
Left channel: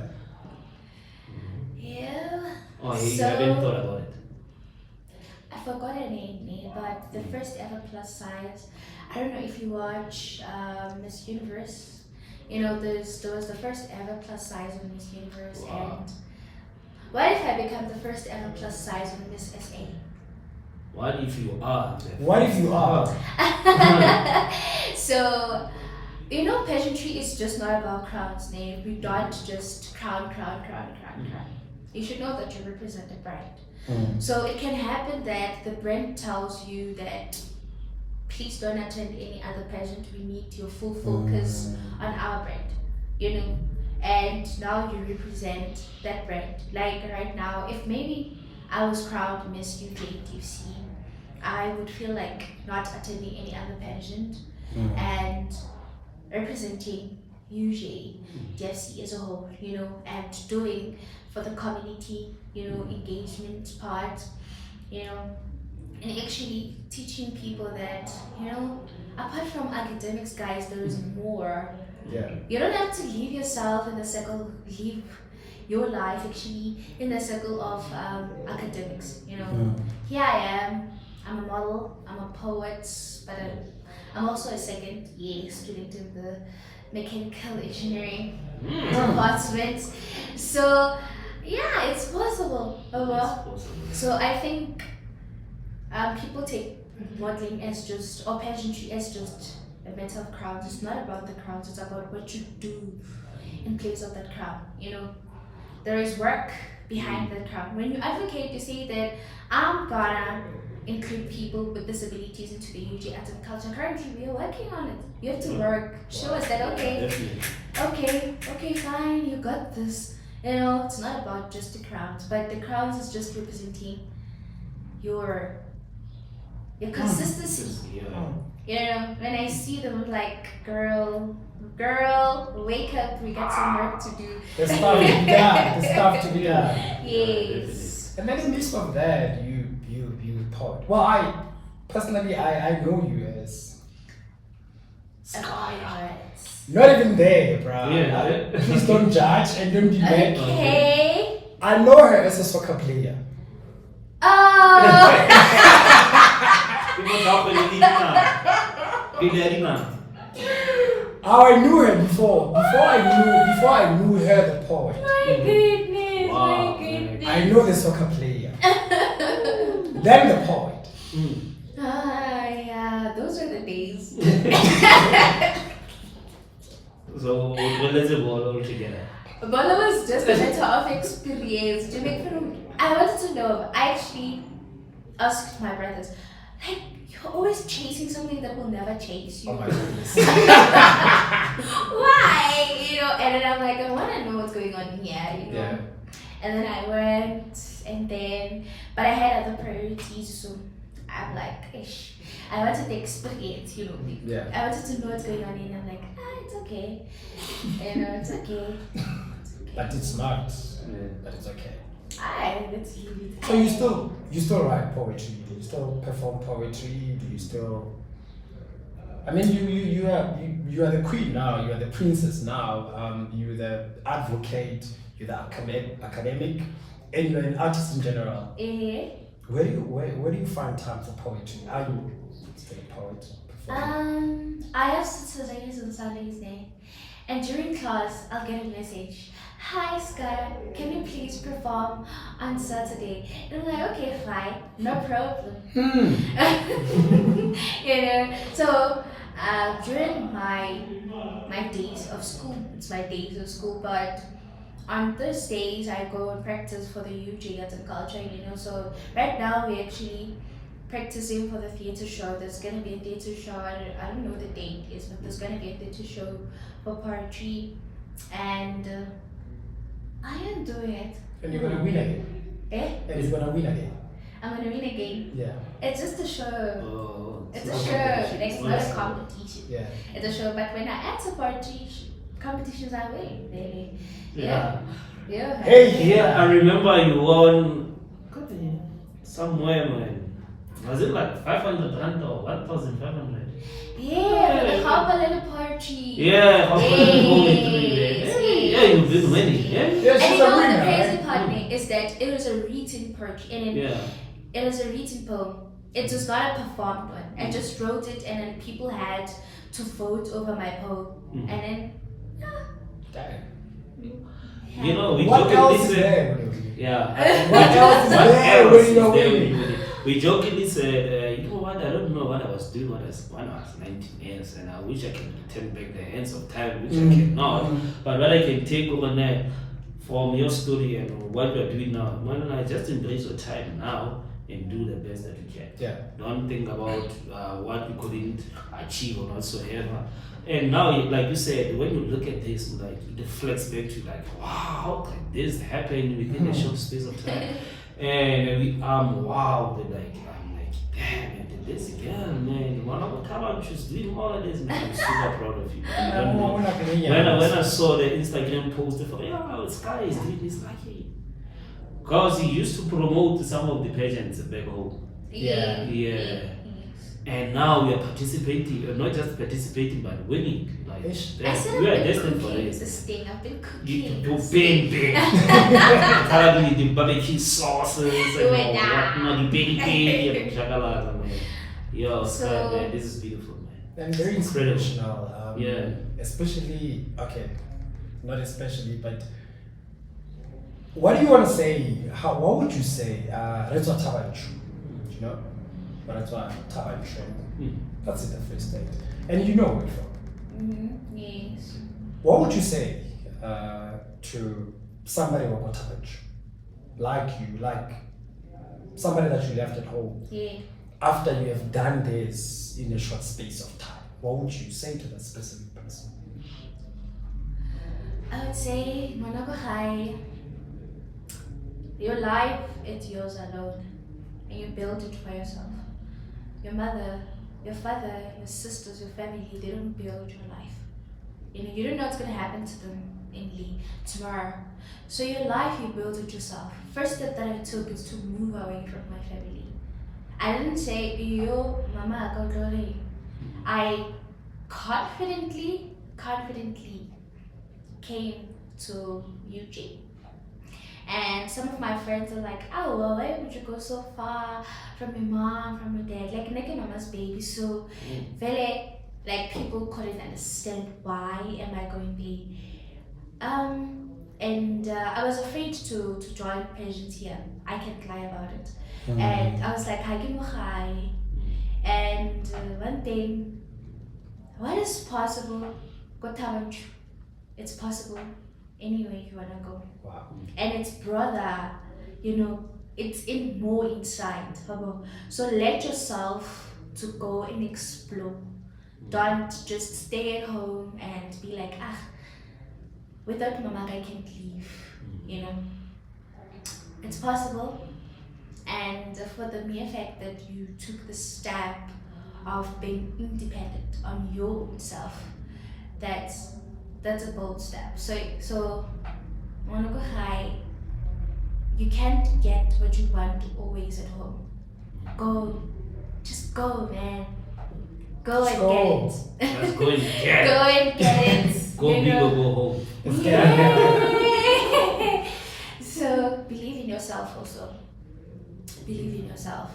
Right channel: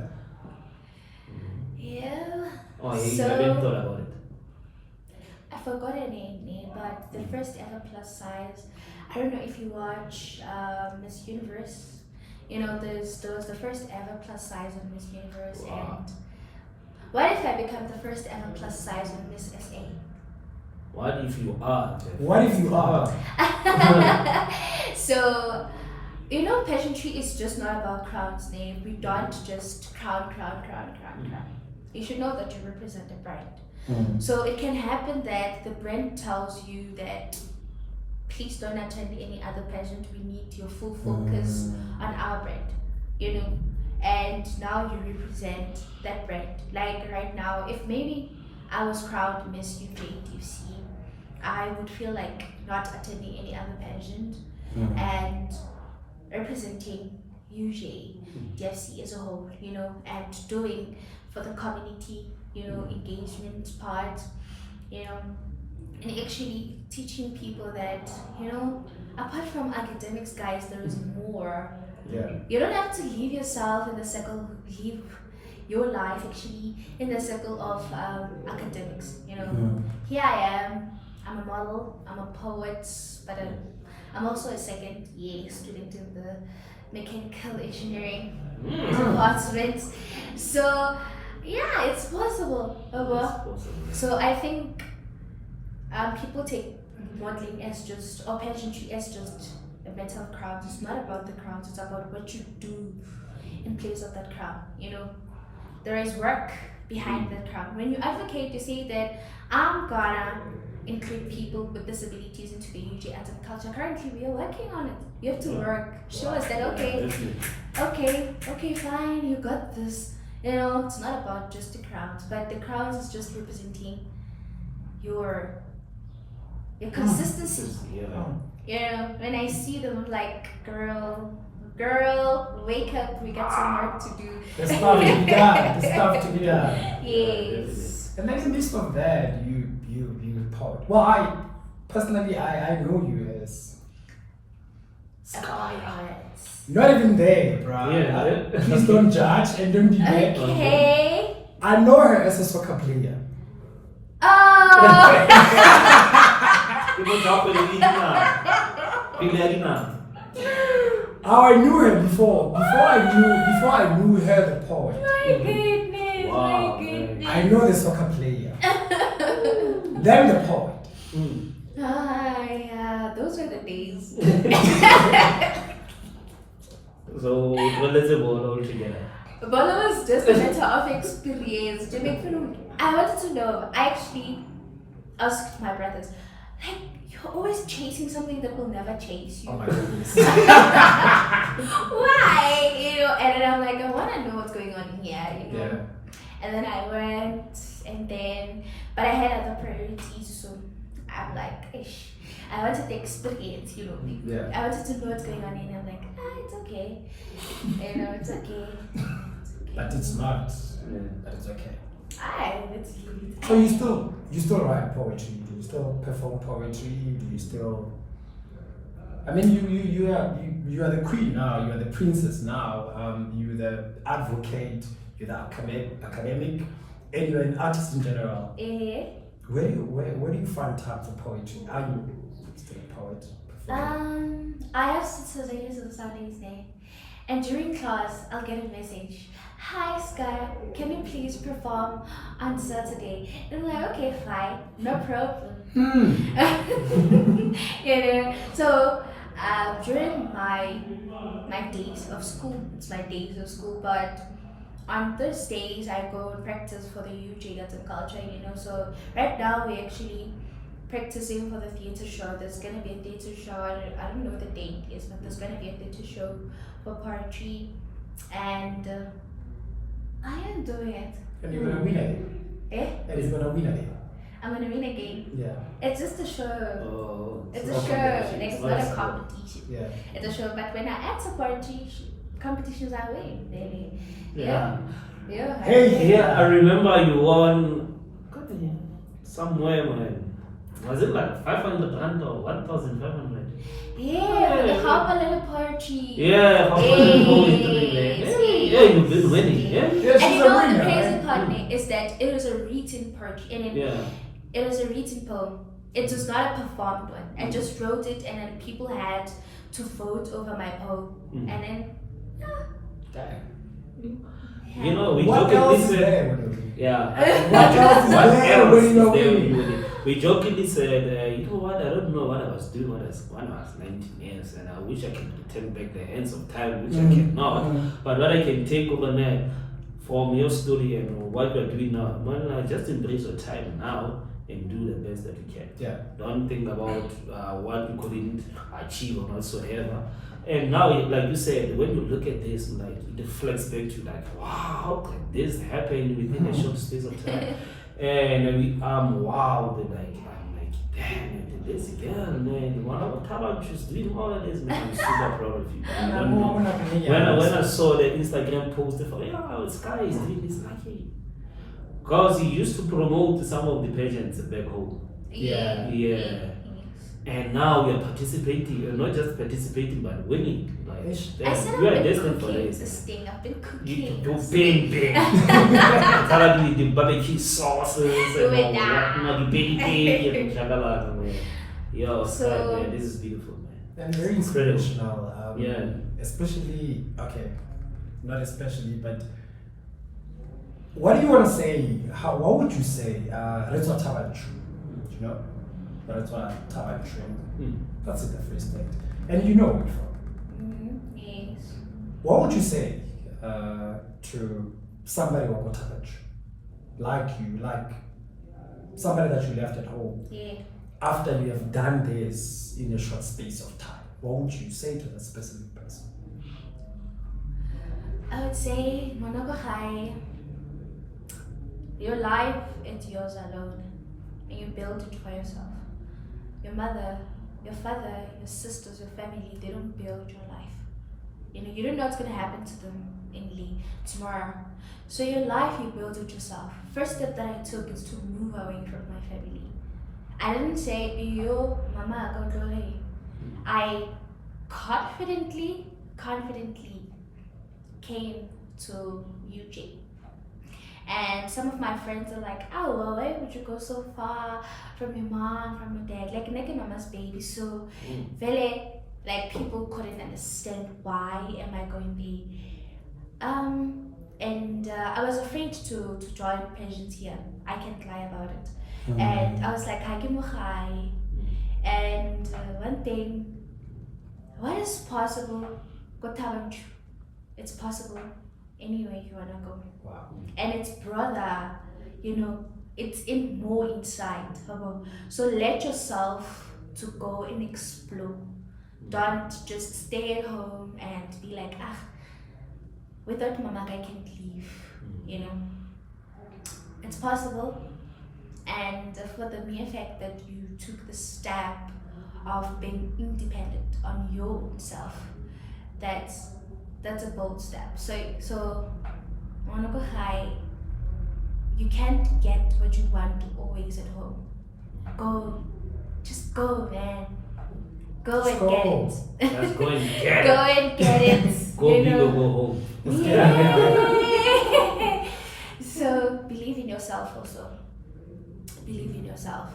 Yeah. Oh, you So- haven't thought about it. I forgot her name, but the first ever plus size. I don't know if you watch Miss Universe. You know, there was the first ever plus size on Miss Universe, Wow. and what if I become the first ever plus size on Miss SA? What if you are? What if you are? So, you know, pageantry is just not about crowns, name. We don't just crown. You should know that you represent a brand. So it can happen that the brand tells you that please don't attend any other pageant. We need your full focus on our brand, you know. And now you represent that brand. Like right now, if maybe I was crowned Miss UJDC, I would feel like not attending any other pageant and representing UJDC as a whole, you know, and doing for the community, you know, engagement part, you know, and actually teaching people that, you know, apart from academics, guys, there is more. Yeah. You don't have to leave yourself in the circle, leave your life actually in the circle of academics, you know. Here I am, I'm a model, I'm a poet, but I'm also a second year student in the mechanical engineering department. So yeah, it's possible. So I think people take modeling as just, or pageantry as just a matter of crowns. It's not about the crowns, it's about what you do in place of that crown, you know. There is work behind that crown. When you advocate, you say that I'm gonna include people with disabilities into the UJ arts and culture. Currently, we are working on it. You have to work. Show us that, okay, fine, you got this. You know, it's not about just the crowns, but the crowns is just representing your consistency. Yeah. You know, when I see them, I'm like, girl, wake up, we got some work to do. The stuff to be done. The stuff to be done. Yes. And then in midst of that, you poet. Well, I personally know you as SKYER. Not even there, bro. Yeah. Please don't judge and don't debate. Okay. I know her as a soccer player. Oh. People talk about it now. How I knew her before I knew her the poet. My goodness, Wow. my goodness. I know the soccer player. Then the poet. Yeah, those were the days. So let's say all together. Bola was just a matter of experience. To make fun of, I wanted to know. I actually asked my brothers, like, you're always chasing something that will never chase you. Oh my goodness. Why? And then I'm like, I want to know what's going on here, Yeah. And then I went, but I had other priorities, so I'm like, ish. I wanted the experience, Yeah. I wanted to know what's going on, and I'm like, it's okay. It's okay. But it's not. But it's okay. Let's leave it. So you still write poetry? Do you still perform poetry? Do you still? I mean, you are the queen now. You are the princess now. You're the advocate. You're the academic, and you're an artist in general. Where do you find time for poetry? Are you still a poet? I have Saturdays and Sundays there, and during class I'll get a message. Hi SKYER, can you please perform on Saturday? And I'm like, okay, fine, no problem. So during my days of school, it's my days of school, but on Thursdays I go and practice for the UJ Arts and Culture, so right now we're actually practicing for the theatre show. There's going to be a theatre show, I don't know what the date is, but there's going to be a theatre show for poetry, and I am doing it. And you're gonna win again. And you're gonna win again. I'm gonna win again. Yeah. It's just a show. Oh, It's a show. Like, it's not a competition. Yeah. It's a show. But when I enter poetry competitions, I win. Really. Yeah. Yeah. Hey, Yeah, I remember you won somewhere, man. Was it like 500 rand or 1,500? Yeah, for the Harper Little Poetry. Yeah, how Yes, poetry, yes. yeah, you've been winning, yeah? Yeah, And she's you a know winner, the crazy right? part is that it was a written poetry, and it was a written poem. It was not a performed one. I just wrote it, and then people had to vote over my poem, and then You know, we What jokingly else is said, there? yeah. What else is What there else when is you're there when winning? you win? We jokingly said, you know what, I don't know what I was doing when I was 19 years, and I wish I could return back the hands of time, which I cannot. But what I can take over now from your story and what you're doing now, man, I just embrace your time now and do the best that you can. Yeah. Don't think about what you couldn't achieve or whatsoever. And now, like you said, when you look at this, like it reflects back to like, wow, how can this happen within a short space of time? And wow, I'm like, damn, this girl, man, one of the talent, she's doing all of this, man. I'm super proud of you. You don't know. When I saw the Instagram post, I thought, yeah, this guy is doing this, like, hey. Because he used to promote some of the pageants back home. Yeah. Yeah. And now we are participating, not just participating, but winning. Like, I said we are I've been destined for cooking this. this thing. I've been cooking. You this bang thing. bang. Apparently the barbecue sauces Do and it all now. whatnot, the baby cake and shakalaka, man. Yo, So- man, this is beautiful, man. And very inspirational. Yeah. Especially, okay, not especially, but what do you want to say? What would you say? That's what you know? That's what That's in the Free State. And you know where you're from. Yes. What would you say to somebody who got touched? Like you, like somebody that you left at home Yeah. after you have done this in a short space of time? What would you say to that specific person? I would say, Monokohai, your life, it's yours alone. And you build it for yourself. Your mother, your father, your sisters, your family, they don't build your life. You don't know what's going to happen to them tomorrow. So your life, you build it yourself. First step that I took is to move away from my family. I didn't say, yo, mama, go away. I confidently came to UJ. And some of my friends are like, oh, well, why would you go so far from your mom, from your dad? Like, naked mama's baby. So, really, like, people couldn't understand why am I going there. And I was afraid to join pageants here. I can't lie about it. And I was like, hi. And one thing, what is possible? Go talent. It's possible anywhere you wanna go. Wow. And it's it's more inside. So let yourself to go and explore. Don't just stay at home and be like, without mama I can't leave, you know. It's possible, and for the mere fact that you took the step of being independent on your own self, that's a bold step. So I wanna go high. You can't get what you want always at home. Just go, man. Go and get it. Let's go and get Go and get it. Go big or go home. Yeah. So believe in yourself also. Believe in yourself.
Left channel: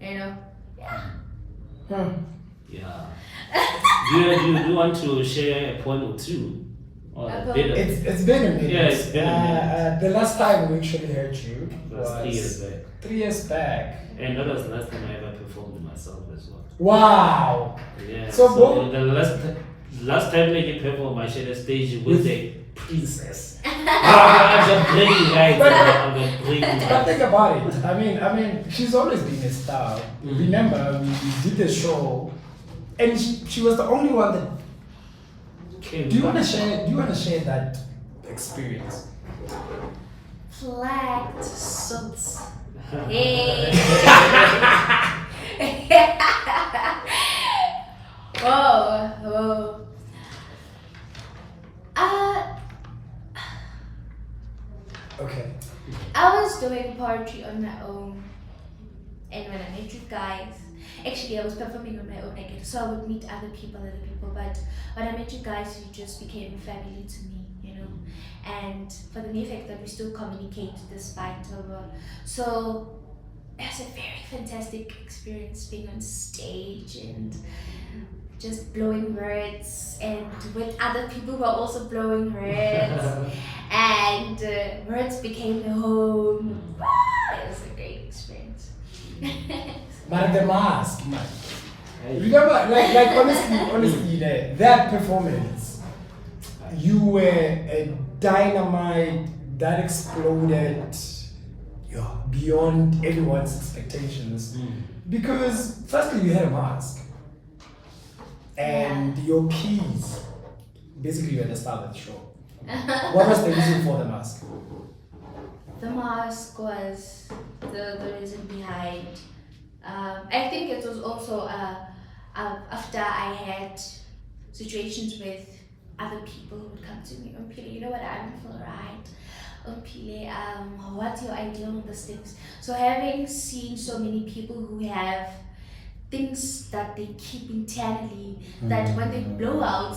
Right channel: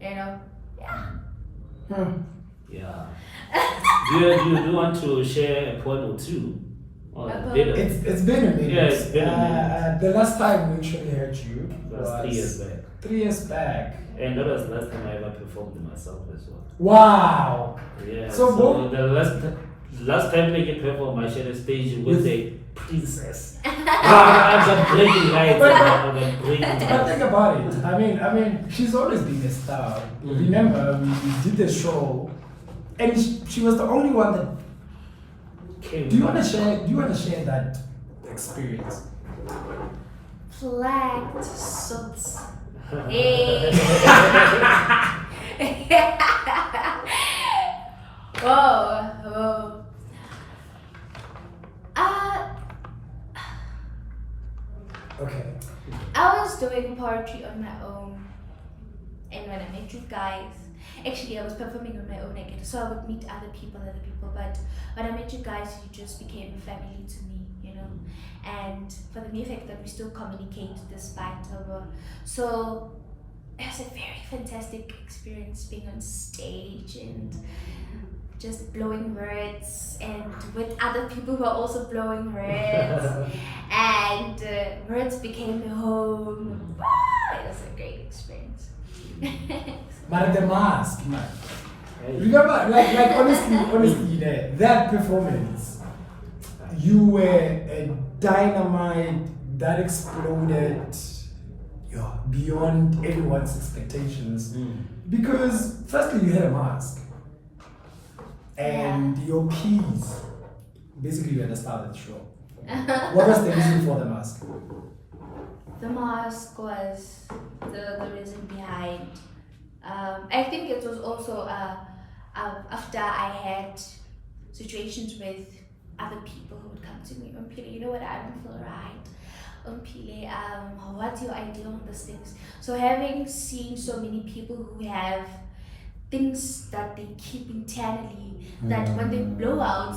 You know? Yeah. Yeah. Do you want to share a poem or two? Or It's been a minute. Yeah, it's been a minute. The last time we actually heard you was 3 years back. 3 years back. And that was the last time I ever performed myself as well. Wow. Yeah. So the last time I performed, I shared a stage with a princess. I've got brain lights. I've got brain lights. But think about it. I mean, she's always been a star. Remember, we did the show, and she was the only one that. Do you want to share that experience? Flagged suits. Hey. Whoa. Okay. I was doing poetry on my own, and when I met you guys, actually I was performing on my own again, so I would meet other people, but when I met you guys, you just became family to me, you know, and for the mere fact that we still communicate despite our, so it was a very fantastic experience being on stage and just blowing words, and with other people who are also blowing words, and words became a home. It was a great experience. But the mask, man. Remember, like honestly, that performance, you were a dynamite that exploded beyond everyone's expectations. Because firstly, you had a mask. And your keys, basically, you had the star of the show. What was the reason for the mask? The mask was the reason behind. I think it was also after I had situations with other people who would come to me, OMPHILE, you know what, I don't feel right. OMPHILE, what's your idea on these things? So having seen so many people who have things that they keep internally, that when they blow out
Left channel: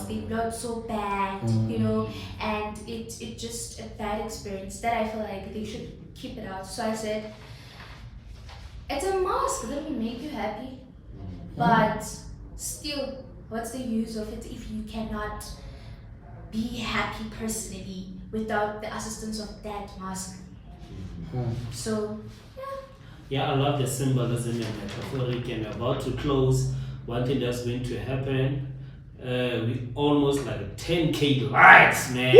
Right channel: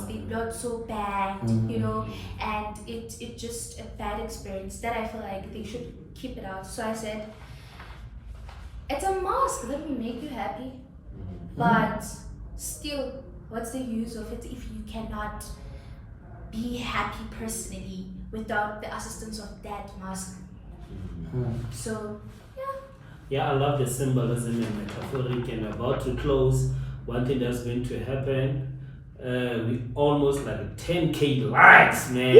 so bad, you know, and it's just a bad experience that I feel like they should keep it out. So I said, it's a mask that will make you happy, but still, what's the use of it if you cannot be happy personally without the assistance of that mask? So, yeah. Yeah, I love the symbolism and metaphoric, and about to close, one thing that's going to happen, we almost like 10K likes, man.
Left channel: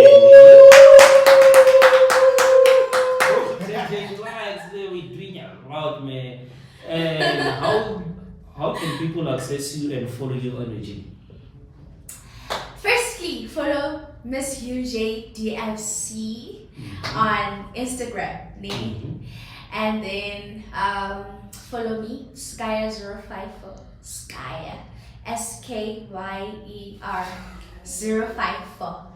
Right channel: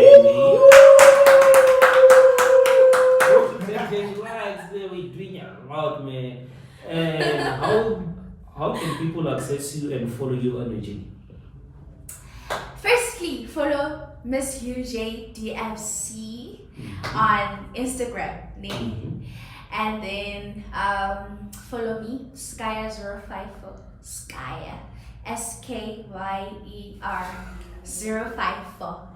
10K likes, we're doing a lot, man. And how can people access you and follow your energy? Firstly, follow Miss UJDFC on Instagram, and then follow me, SKYER054, SKYER, SKYER 054,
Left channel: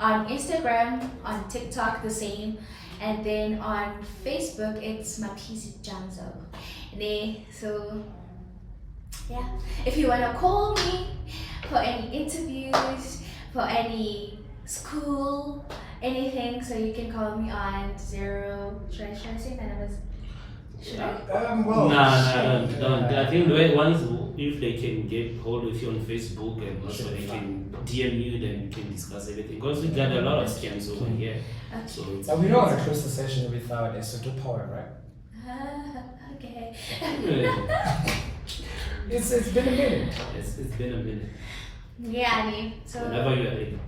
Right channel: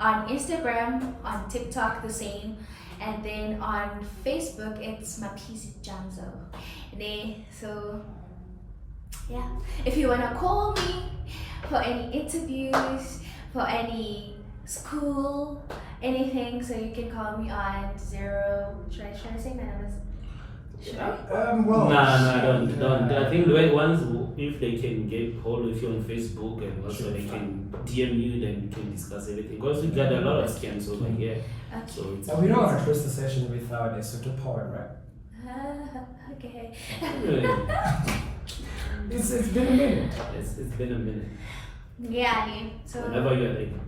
on Instagram, on TikTok the same, and then on Facebook it's Mapisi Janzo. So yeah, if you wanna call me for any interviews, for any school, anything, so you can call me on 0. Should I say my numbers? Should I? Well, don't. I think once if they can get hold of you on Facebook, and also they can DM you, then you can discuss everything. Because we got a lot of scams over here. Okay. So it's we don't want to close the session without a Soto poem, right? Okay. It's been a minute. It's been a minute. Yeah, so Whenever you're ready.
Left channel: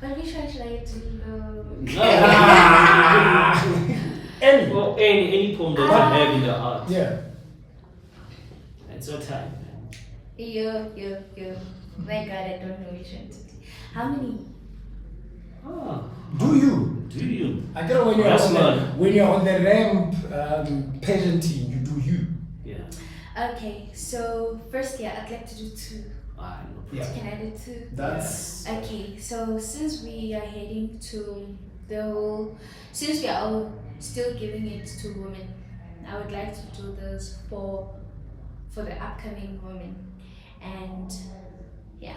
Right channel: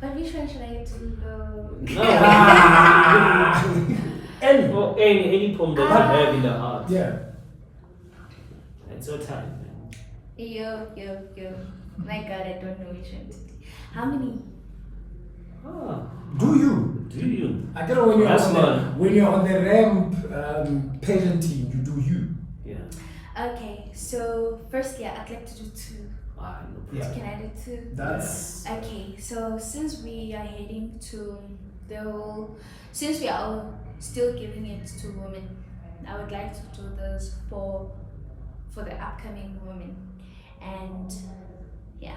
What visual should I do? No. Any poem that you have in the heart. Yeah. It's your time, man. Yo. My God, I don't know which one to do. How many? Oh, Do you? do you? I don't know when you're Yes, on man. when you're on the ramp pageantry, you do you. Yeah. Okay, so firstly, I'd like to do 2. Ah, no Yeah. problem. Can I do 2? That's Okay, so since we are heading to since we are all still giving it to women, I would like to do this for the upcoming women. And yeah,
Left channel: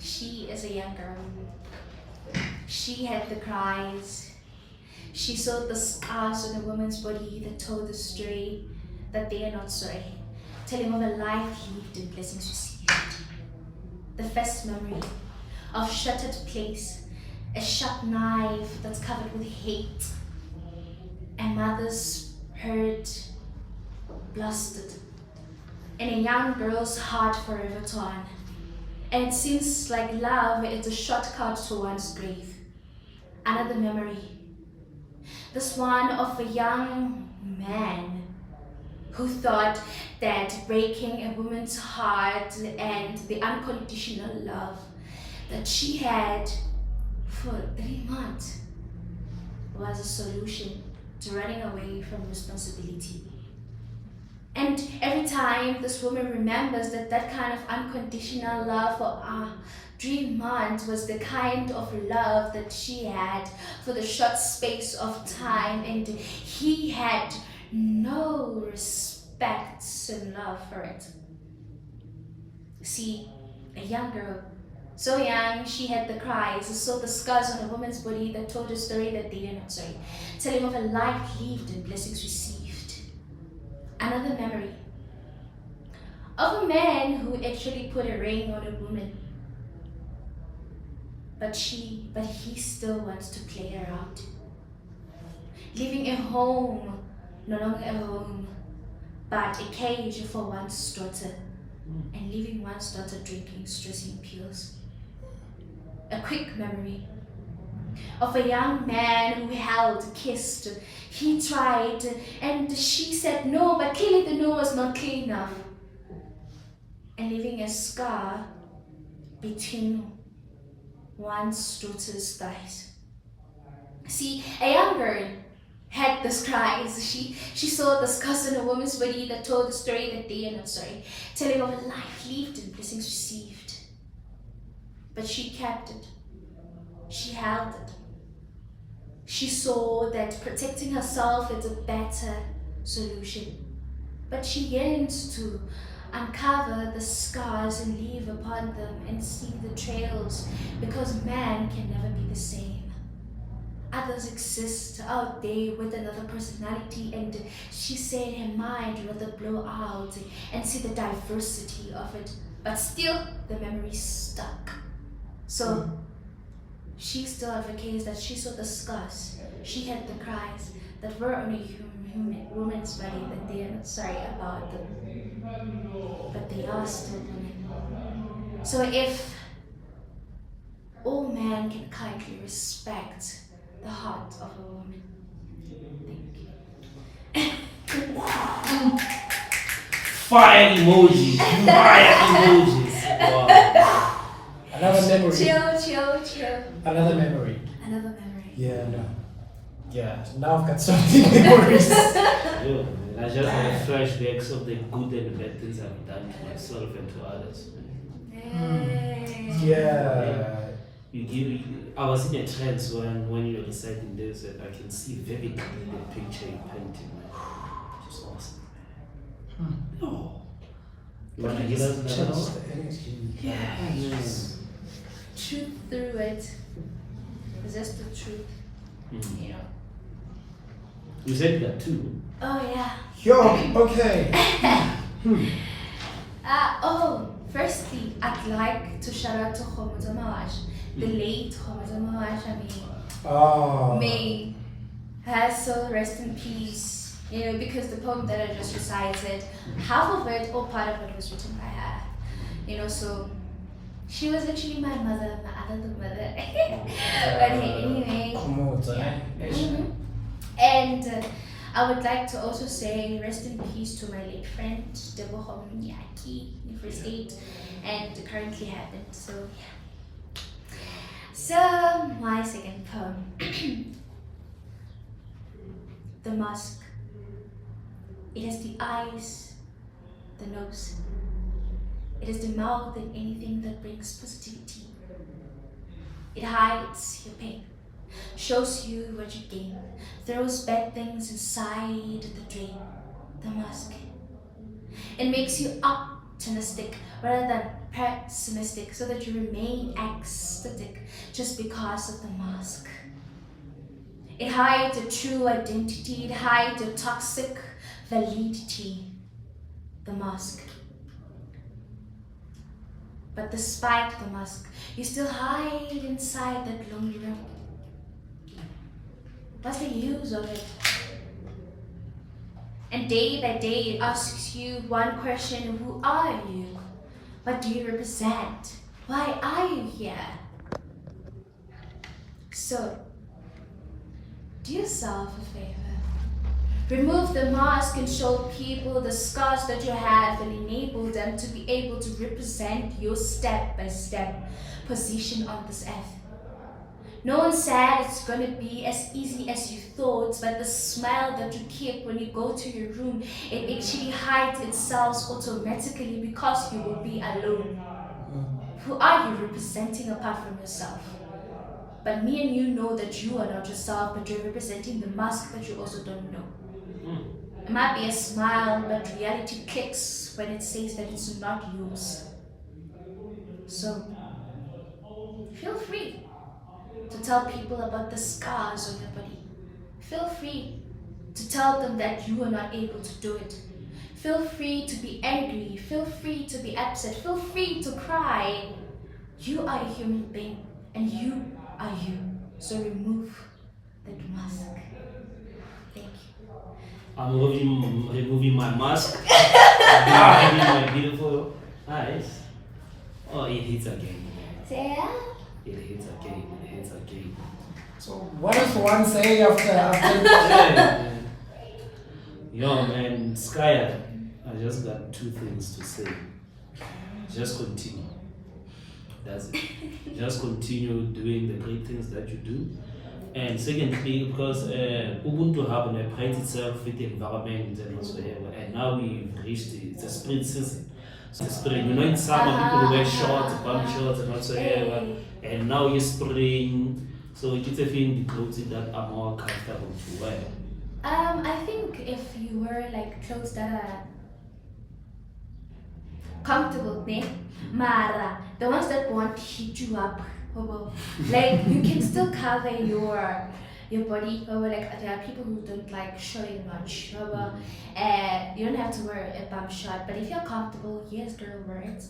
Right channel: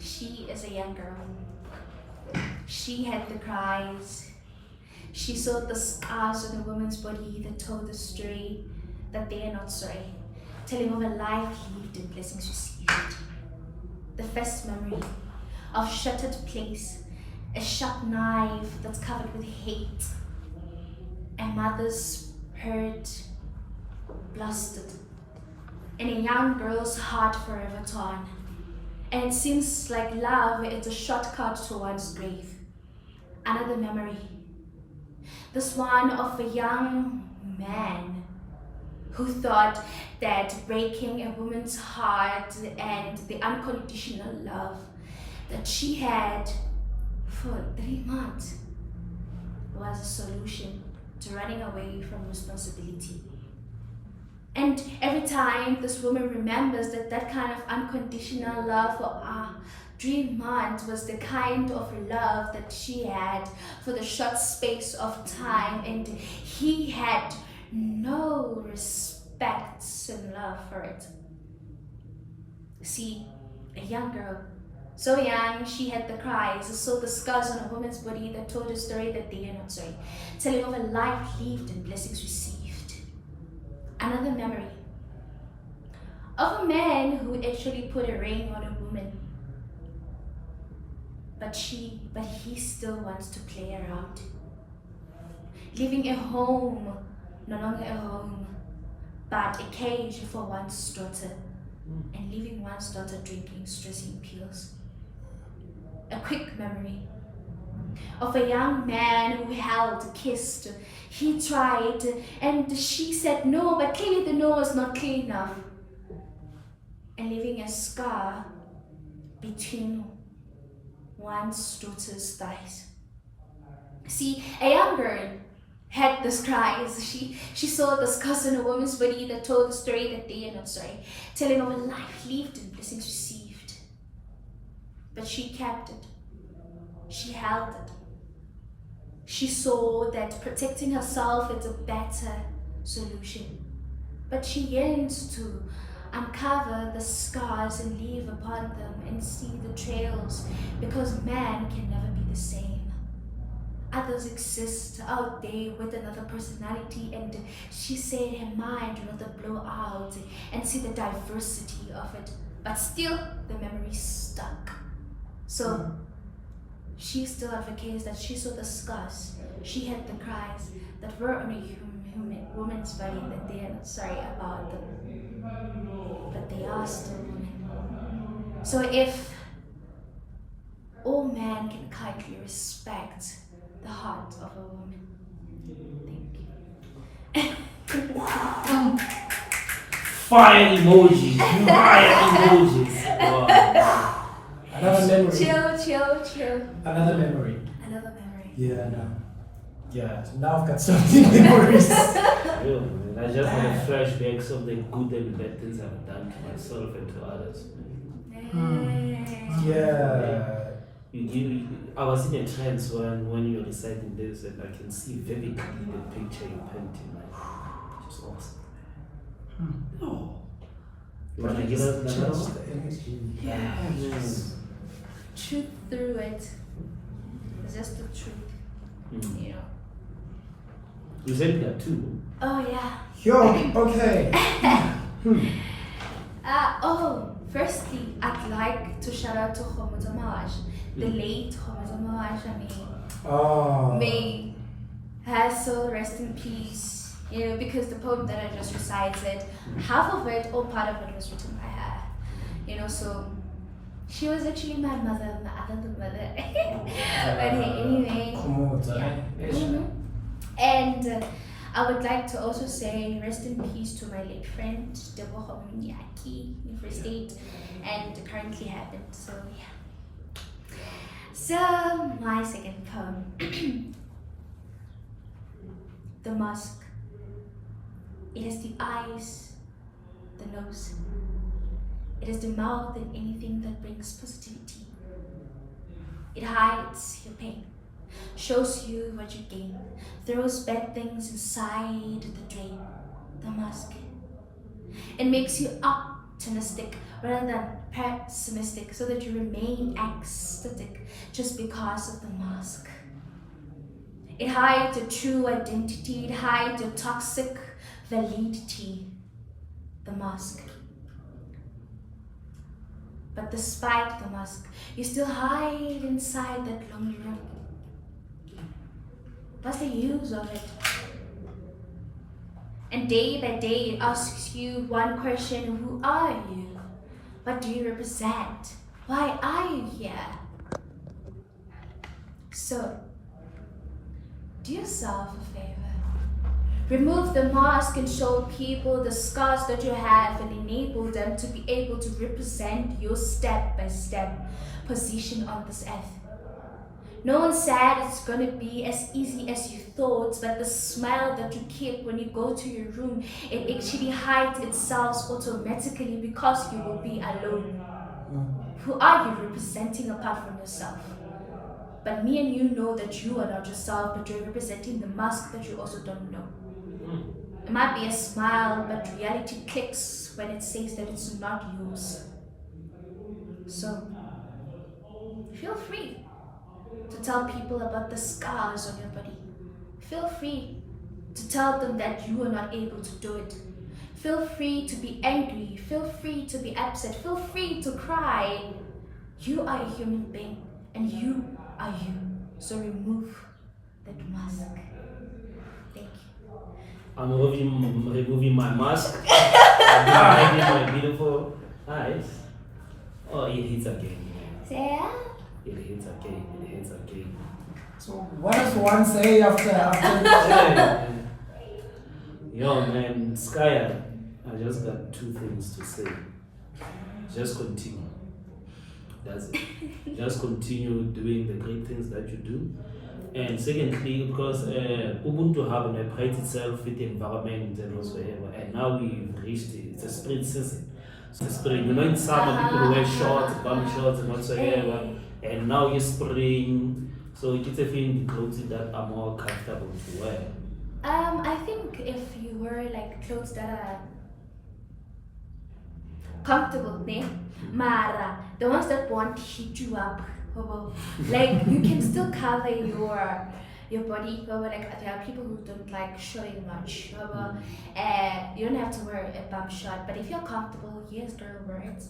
she is a young girl. She had the cries. She saw the scars on a woman's body that told the story that they are not sorry, telling of a life lived and blessings received. The first memory of shattered place, a sharp knife that's covered with hate, a mother's hurt blasted, and a young girl's heart forever torn. And it seems like love is a shortcut to one's grave. Another memory, this one of a young man who thought that breaking a woman's heart and the unconditional love that she had for 3 months was a solution to running away from responsibility. And every time this woman remembers that kind of unconditional love for 3 months was the kind of love that she had for the short space of time, and he had no respect and love for it. See, a young girl, so young, she had the cries, saw the scars on a woman's body that told a story that they are not sorry, telling of a life lived and blessings received. Another memory of a man who actually put a ring on a woman, but he still wants to play around, leaving a home, no longer a home, but a cage for one's daughter, and leaving one's daughter drinking stressing pills. A quick memory of a young man who held, kissed, he tried, and she said no, but clearly the no was not clear enough, and leaving a scar between one's daughter's thighs. See, a young girl had this cries. She saw the scars on a woman's body that told the story that they are not sorry, telling of a life lived and blessings received. But she kept it. She held it. She saw that protecting herself is a better solution. But she yearned to uncover the scars and leave upon them and see the trails, because man can never be the same. Others exist out there with another personality, and she said her mind would rather blow out and see the diversity of it, but still the memory stuck. So she still advocates that she saw the scars, she had the cries that were on a human woman's body, that they are not sorry about them, but they are still women. So if all men can kindly respect the heart of a woman. Thank you. Fire emojis. Fire emojis. Wow. another memory. Chill. Another memory. Another memory. Yeah, no. Yeah, now I've got so many memories. Yeah, man. I just have flashbacks of the good and bad things I've done to myself and to others. Yeah. I was in a trance when you were reciting this, and I can see vividly the picture you painted, man. Just awesome, man. No. You But wanna it give us just another changed one? the energy. Yes. Truth through it. It's just the truth, you know. You said that too. Oh yeah. Yo, okay. Firstly, I'd like to shout out to Khomotamaj, the late Khomotamaj. I mean, Oh. may her soul rest in peace. You know, because the poem that I just recited, half of it or part of it was written by her. You know, so she was actually my mother, my other mother. But anyway, Khomotsa, yeah. eh? And I would like to also say rest in peace to my late friend Deboho Mnyaki in Free State, and it currently happened. So yeah. So my second poem, The Mask. It has the eyes, the nose. It is the mouth and anything that brings positivity. It hides your pain, shows you what you gain, throws bad things inside the drain. The mask. It makes you optimistic rather than pessimistic, so that you remain ecstatic just because of the mask. It hides your true identity, it hides your toxic validity. The mask. But despite the mask, you still hide inside that lonely room. What's the use of it? And day by day it asks you one question: who are you? What do you represent? Why are you here? So, do yourself a favor. Remove the mask and show people the scars that you have and enable them to be able to represent your step-by-step position on this earth. No one said it's gonna be as easy as you thought, but the smile that you keep when you go to your room, it actually hides itself automatically because you will be alone. Who are you representing apart from yourself? But me and you know that you are not yourself, but you're representing the mask that you also don't know. It might be a smile, but reality clicks when it says that it's not yours. So, feel free to tell people about the scars on your body. Feel free to tell them that you are not able to do it. Feel free to be angry. Feel free to be upset. Feel free to cry. You are a human being and you are you. So remove that mask. Thank you. I'm removing my mask. I'm hiding my beautiful eyes. Oh, it hits again. Yeah. It hits again. It hits again. So what does one say after? Yeah. Yo, man, SKYER, I just got two things to say. Just continue. That's it. Just continue doing the great things that you do. And secondly, because Ubuntu Hub prides itself with the environment and whatsoever, and now we've reached it's a spring season. So spring, you know, in summer people wear shorts, bum shorts and whatsoever, and now it's spring, so it's a thing clothes that are more comfortable to wear. I think if you wear like clothes that are comfortable, ne? Mara, the ones that won't hit you up, like you can still cover your body. Like there are people who don't like showing much. You don't have to wear a bum short, but if you're comfortable, yes, girl, wear it.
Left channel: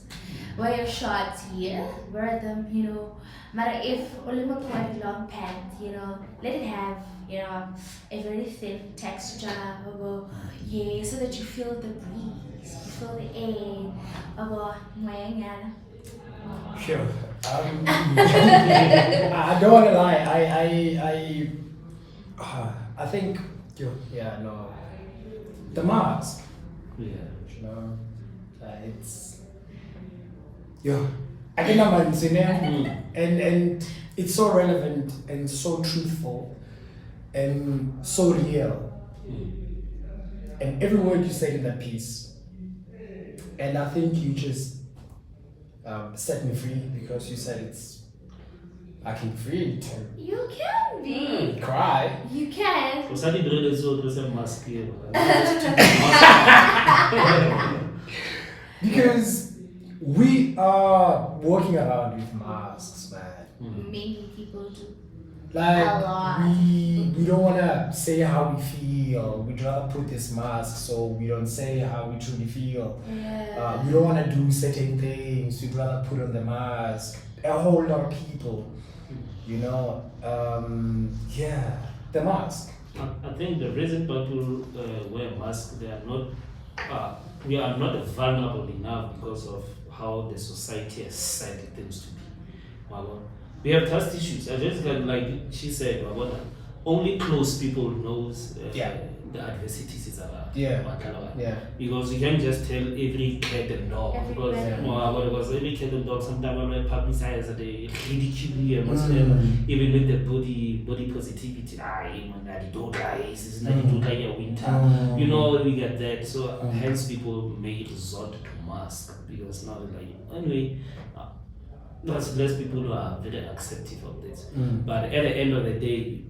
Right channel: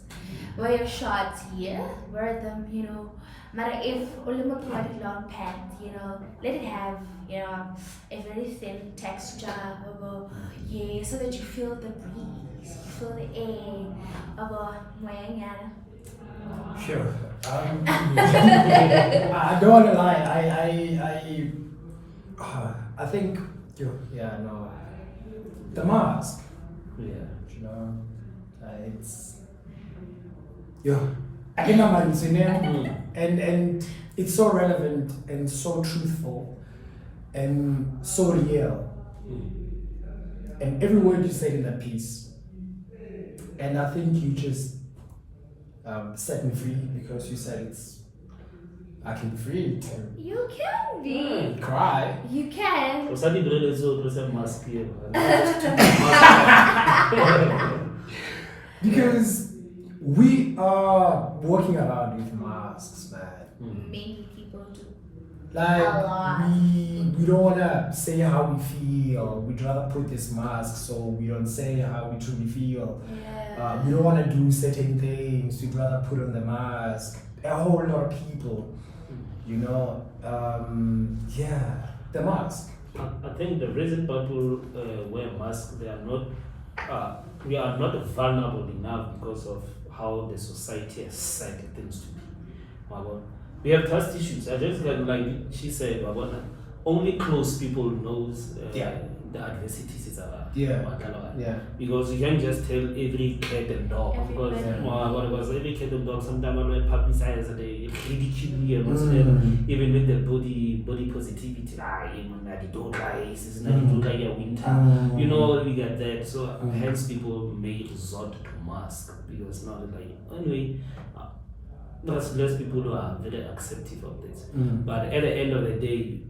Wear your shorts, yeah, wear them, you know. But if only long pants, you know, let it have, you know, a very thin texture, yeah, so that you feel the breeze, you feel the air, Sure. I don't want to lie. I think, yeah, no. The mask. Yeah. You know, it's, I think I'm and it's so relevant and so truthful and so real. And every word you said in that piece. And I think you just set me free because you said I can free it. You can be. Cry. You can. So suddenly there is a mask here. Because we are walking around with masks, man. Many people do. Like A lot. we don't wanna say how we feel. We'd rather put this mask so we don't say how we truly feel. Yeah. We don't wanna do certain things. We'd rather put on the mask. A whole lot of people, you know. The mask. I think the reason people wear masks, we are not vulnerable enough because of how the society has set things to be. We have trust issues. I just like she said, only close people knows the adversities is around. Yeah. Yeah. Because you can't just tell every cat and dog. Because every cat and dog sometimes when they publicize they ridicule even with the body positivity. Winter. You know, we get that. So hence people may resort to mask because now like anyway. There's less people who are very accepting of this. But at the end of the day,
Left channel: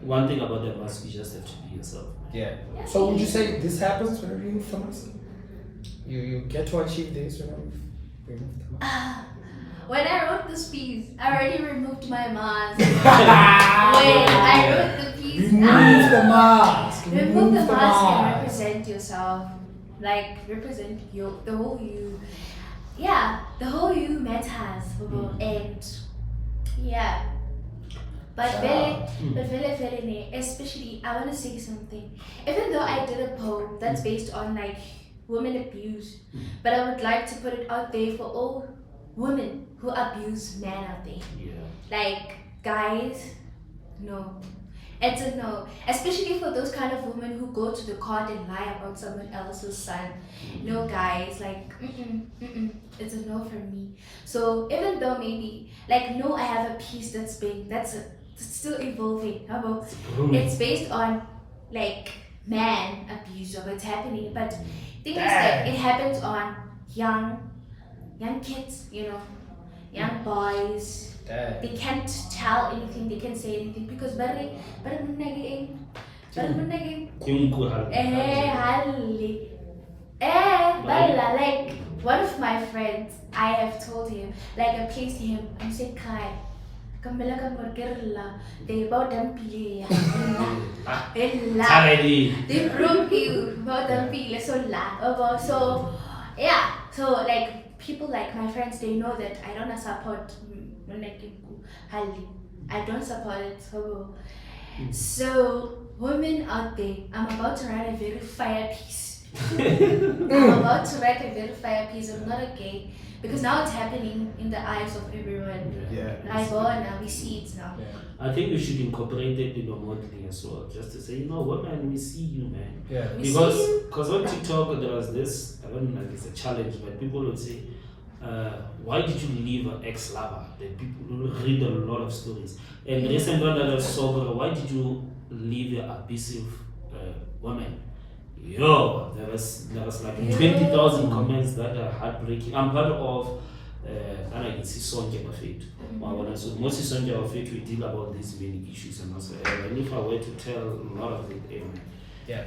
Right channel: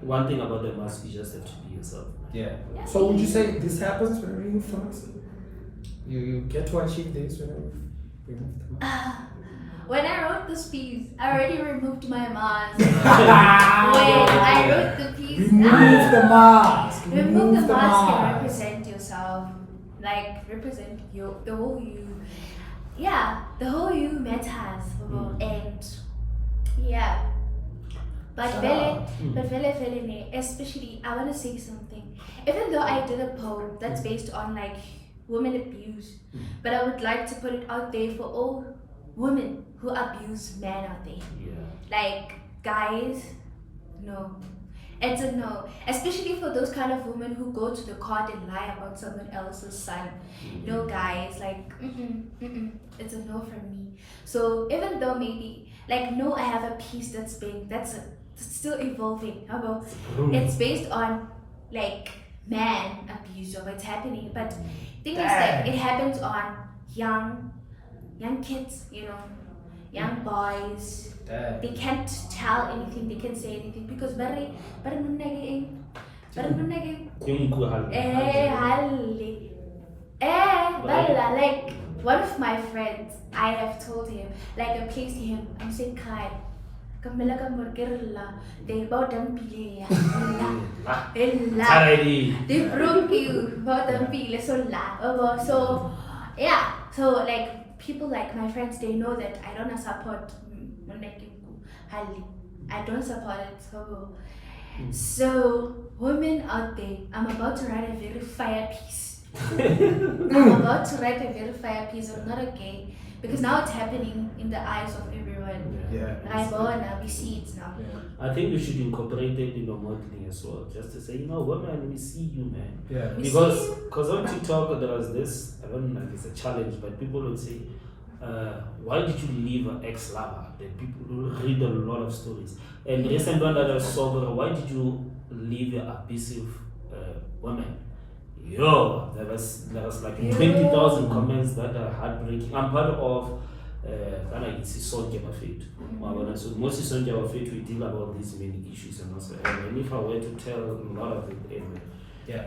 one thing about the mask, you just have to be yourself. Yeah. So would you say this happens when you remove the mask? You get to achieve this when you remove the mask? When I wrote this piece, I already removed my mask. When I wrote the piece, remove the mask. Remove the mask and represent yourself. Like represent the whole you. Yeah, the whole you matters, and yeah. But very, especially I want to say something. Even though I did a poem that's based on like women abuse, but I would like to put it out there for all women who abuse men out there. Yeah. Like guys, no. It's a no, especially for those kind of women who go to the court and lie about someone else's son. No, guys, like, it's a no from me. So even though maybe, like, no, I have a piece that's still evolving. It's based on, like, man abuse or what's happening. But thing is that it happens on young kids, you know, young boys. They can't tell anything, they can't say anything because like one of my friends, I have told him, like I placed him, I'm saying Kai, they about them they broke you about them so yeah, so like people like my friends, they know that I don't support I don't support it. So women out there, I'm about to write a very fire piece. I'm about to write a very fire piece. I'm not okay because now it's happening in the eyes of everyone. I go now, we see it now. I think we should incorporate it in the modeling as well, just to say, you know, women, we see you, man. Yeah. Because on TikTok there was this, I don't know if it's a challenge, but people would say, why did you leave an ex-lover? The people read a lot of stories. And recently that I saw, why did you leave your abusive woman? Yo, there was like 20,000 comments that are heartbreaking. I'm part of Sonke Mafet. So mostly Sonke Mafet, we deal about these many issues and also. And if I were to tell a lot of it,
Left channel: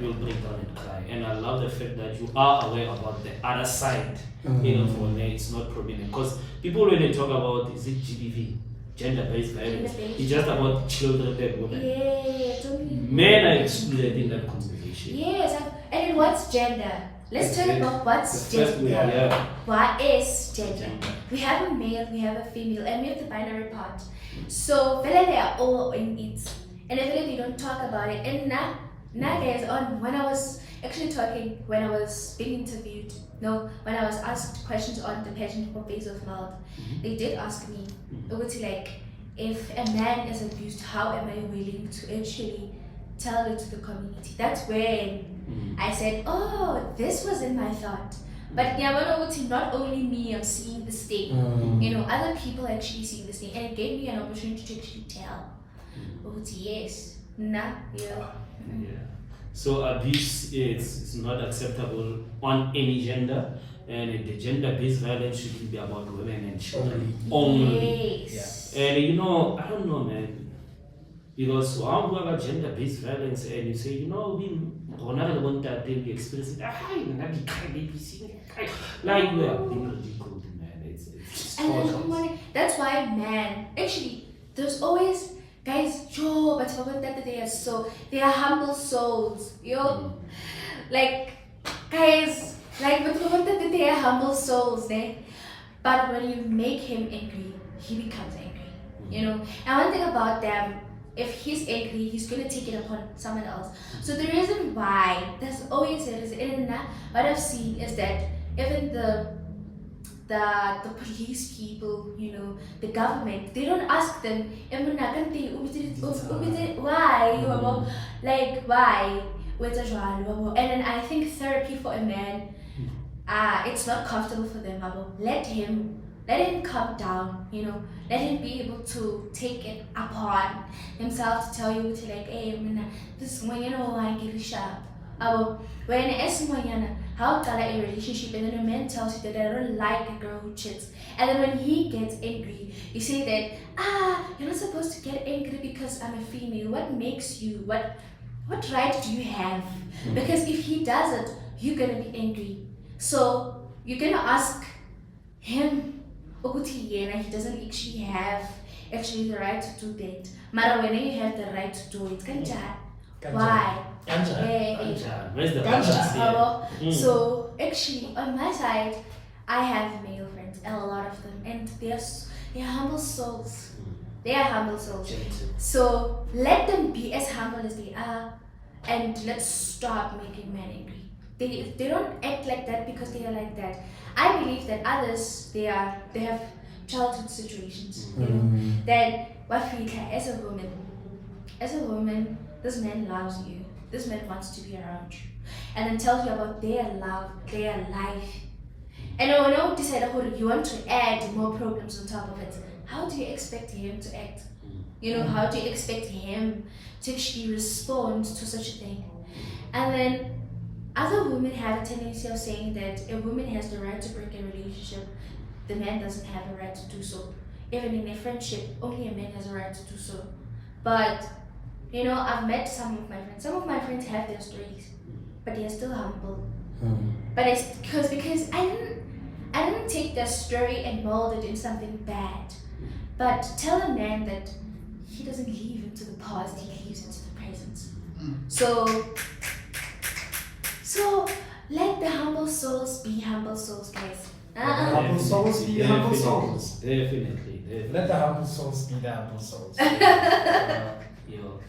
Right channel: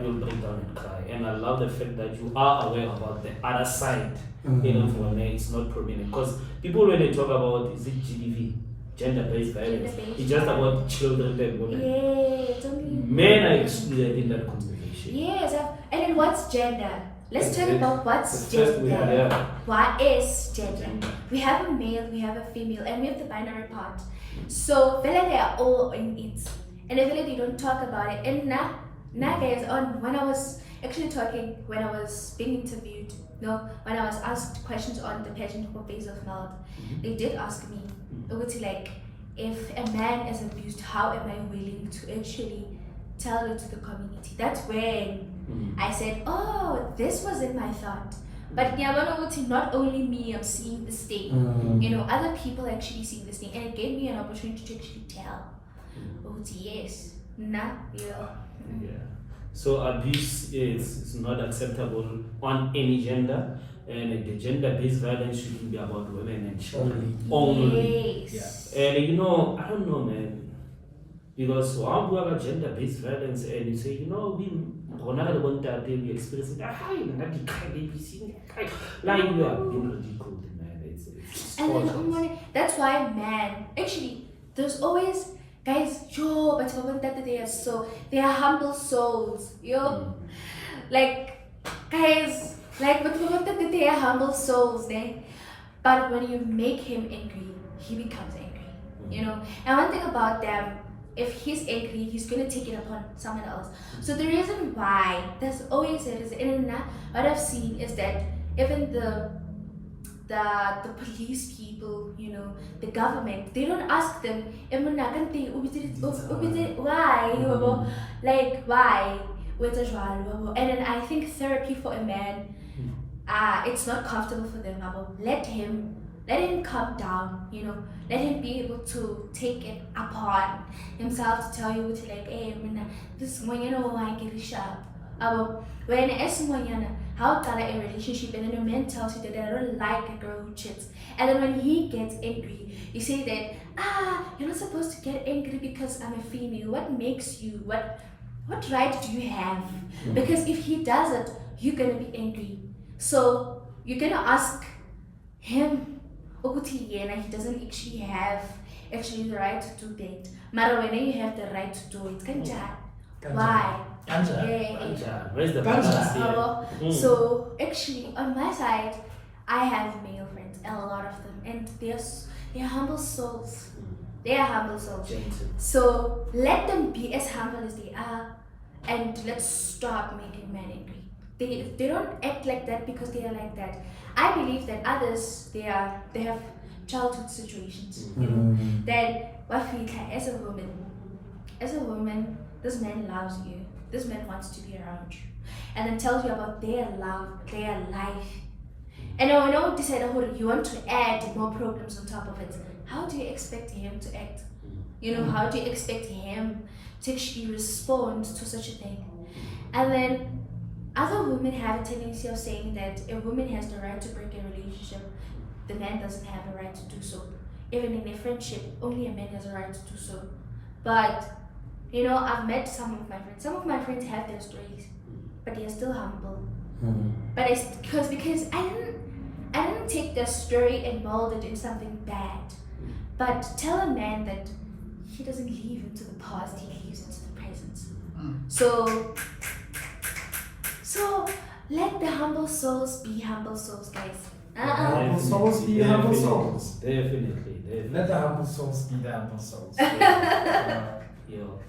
we'll break down and cry. And I love the fact that you are aware about the other side. You know, for me, it's not prominent. Because people when they talk about, is it GBV? Gender-based violence. It's just about children and women. It's only men are excluded in that conversation. Yes, and then what's gender? Let's talk about what's gender. What is gender? We have a male, we have a female, and we have the binary part. So really they are all in it. And really they don't talk about it. And now guys, when I was actually talking, when I was being interviewed, when I was asked questions on the pageant for Face of Mouth, they did ask me, like, if a man is abused, how am I willing to actually tell it to the community? That's when I said, oh, this was in my thought. But not only me, I'm seeing this thing. You know, other people actually seeing this thing, and it gave me an opportunity to actually tell. Yes. So abuse is not acceptable on any gender, and the gender-based violence shouldn't be about women and children only. Yes. And you know, I don't know, man, because how do about gender-based violence and you say, you know, we experience it, like we are being ridiculed, man. It's and that's why, man, actually, there's always guys, but they are humble souls, like guys, like but they are humble souls, but when you make him angry, he becomes angry, you know. And one thing about them, if he's angry, he's gonna take it upon someone else. So the reason why there's always a reason, and what I've seen is that even the police people, you know, the government, they don't ask them, why? Like, why? with a jwalo. And then I think therapy for a man, it's not comfortable for them. Let him calm down, you know, let him be able to take it upon himself to tell you like, hey, this one, you know, I get sharp. When how can a relationship and then a man tells you that I don't like a girl who chits, and then when he gets angry, you say that you're not supposed to get angry because I'm a female. What makes you? What right do you have? Because if he does it, you're gonna be angry. So you're gonna ask him, he doesn't actually have the right to do that. But when you have the right to do it, why? Where's the balance here? So actually, on my side, I have male friends, a lot of them, and they're humble souls. They are humble souls. So let them be as humble as they are, and let's stop making men angry. They don't act like that because they are like that. I believe that others they have childhood situations. You know, that what we as a woman, this man loves you. This man wants to be around you, and then tells you about their love, their life. And when you decide you want to add more problems on top of it, how do you expect him to act? You know, how do you expect him to actually respond to such a thing? And then other women have a tendency of saying that a woman has the right to break a relationship, the man doesn't have a right to do so. Even in a friendship, only a man has a right to do so. But you know, I've met some of my friends. Some of my friends have their stories, but they're still humble. But it's because I didn't take their story and mold it in something bad. But tell a man that he doesn't live into the past, he lives into the present. So let the humble souls be humble souls, guys. Humble souls be humble souls. Definitely. Let the humble souls be the humble souls.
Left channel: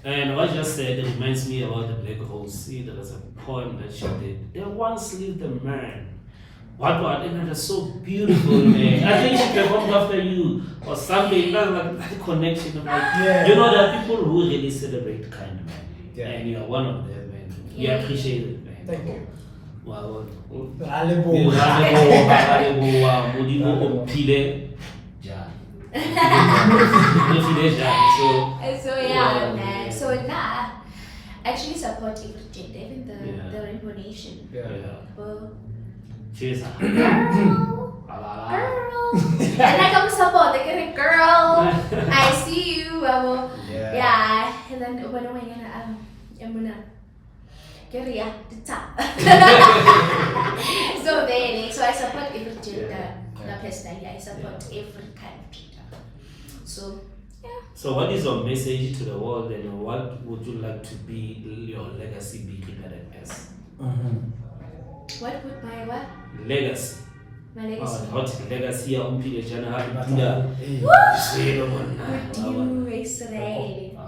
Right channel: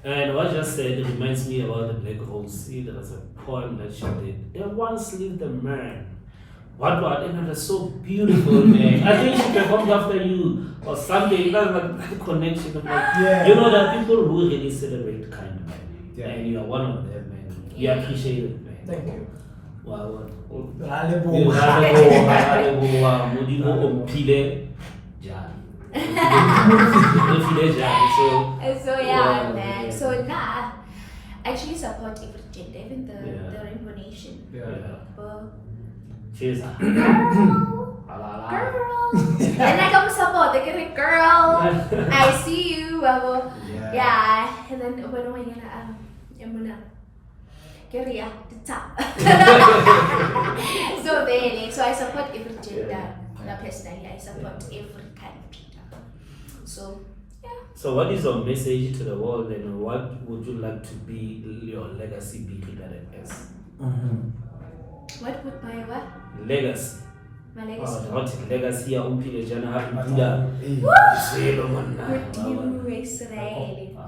And what I just said reminds me about the Black Rose. See, there was a poem that she did. There once lived a man. What? And it was so beautiful, man. I think she performed after you or something. That's like the connection. You know, there are people who really celebrate kind of men. Yeah. And you are one of them, man. We appreciate it, man. Thank you. Wow. So yeah, man. So I actually support every gender, even the Rainbow Nation. Cheers. Girl. And like I'm support the girl. I see you. Yeah. And then when I'm gonna get the top. So I support every gender. Not personally, I support every kind of gender. So yeah. So what is your message to the world, and what would you like to be your legacy be regarded as? What would my what? Legacy. My legacy. What legacy ya umpile jana hapida. Would you Israel?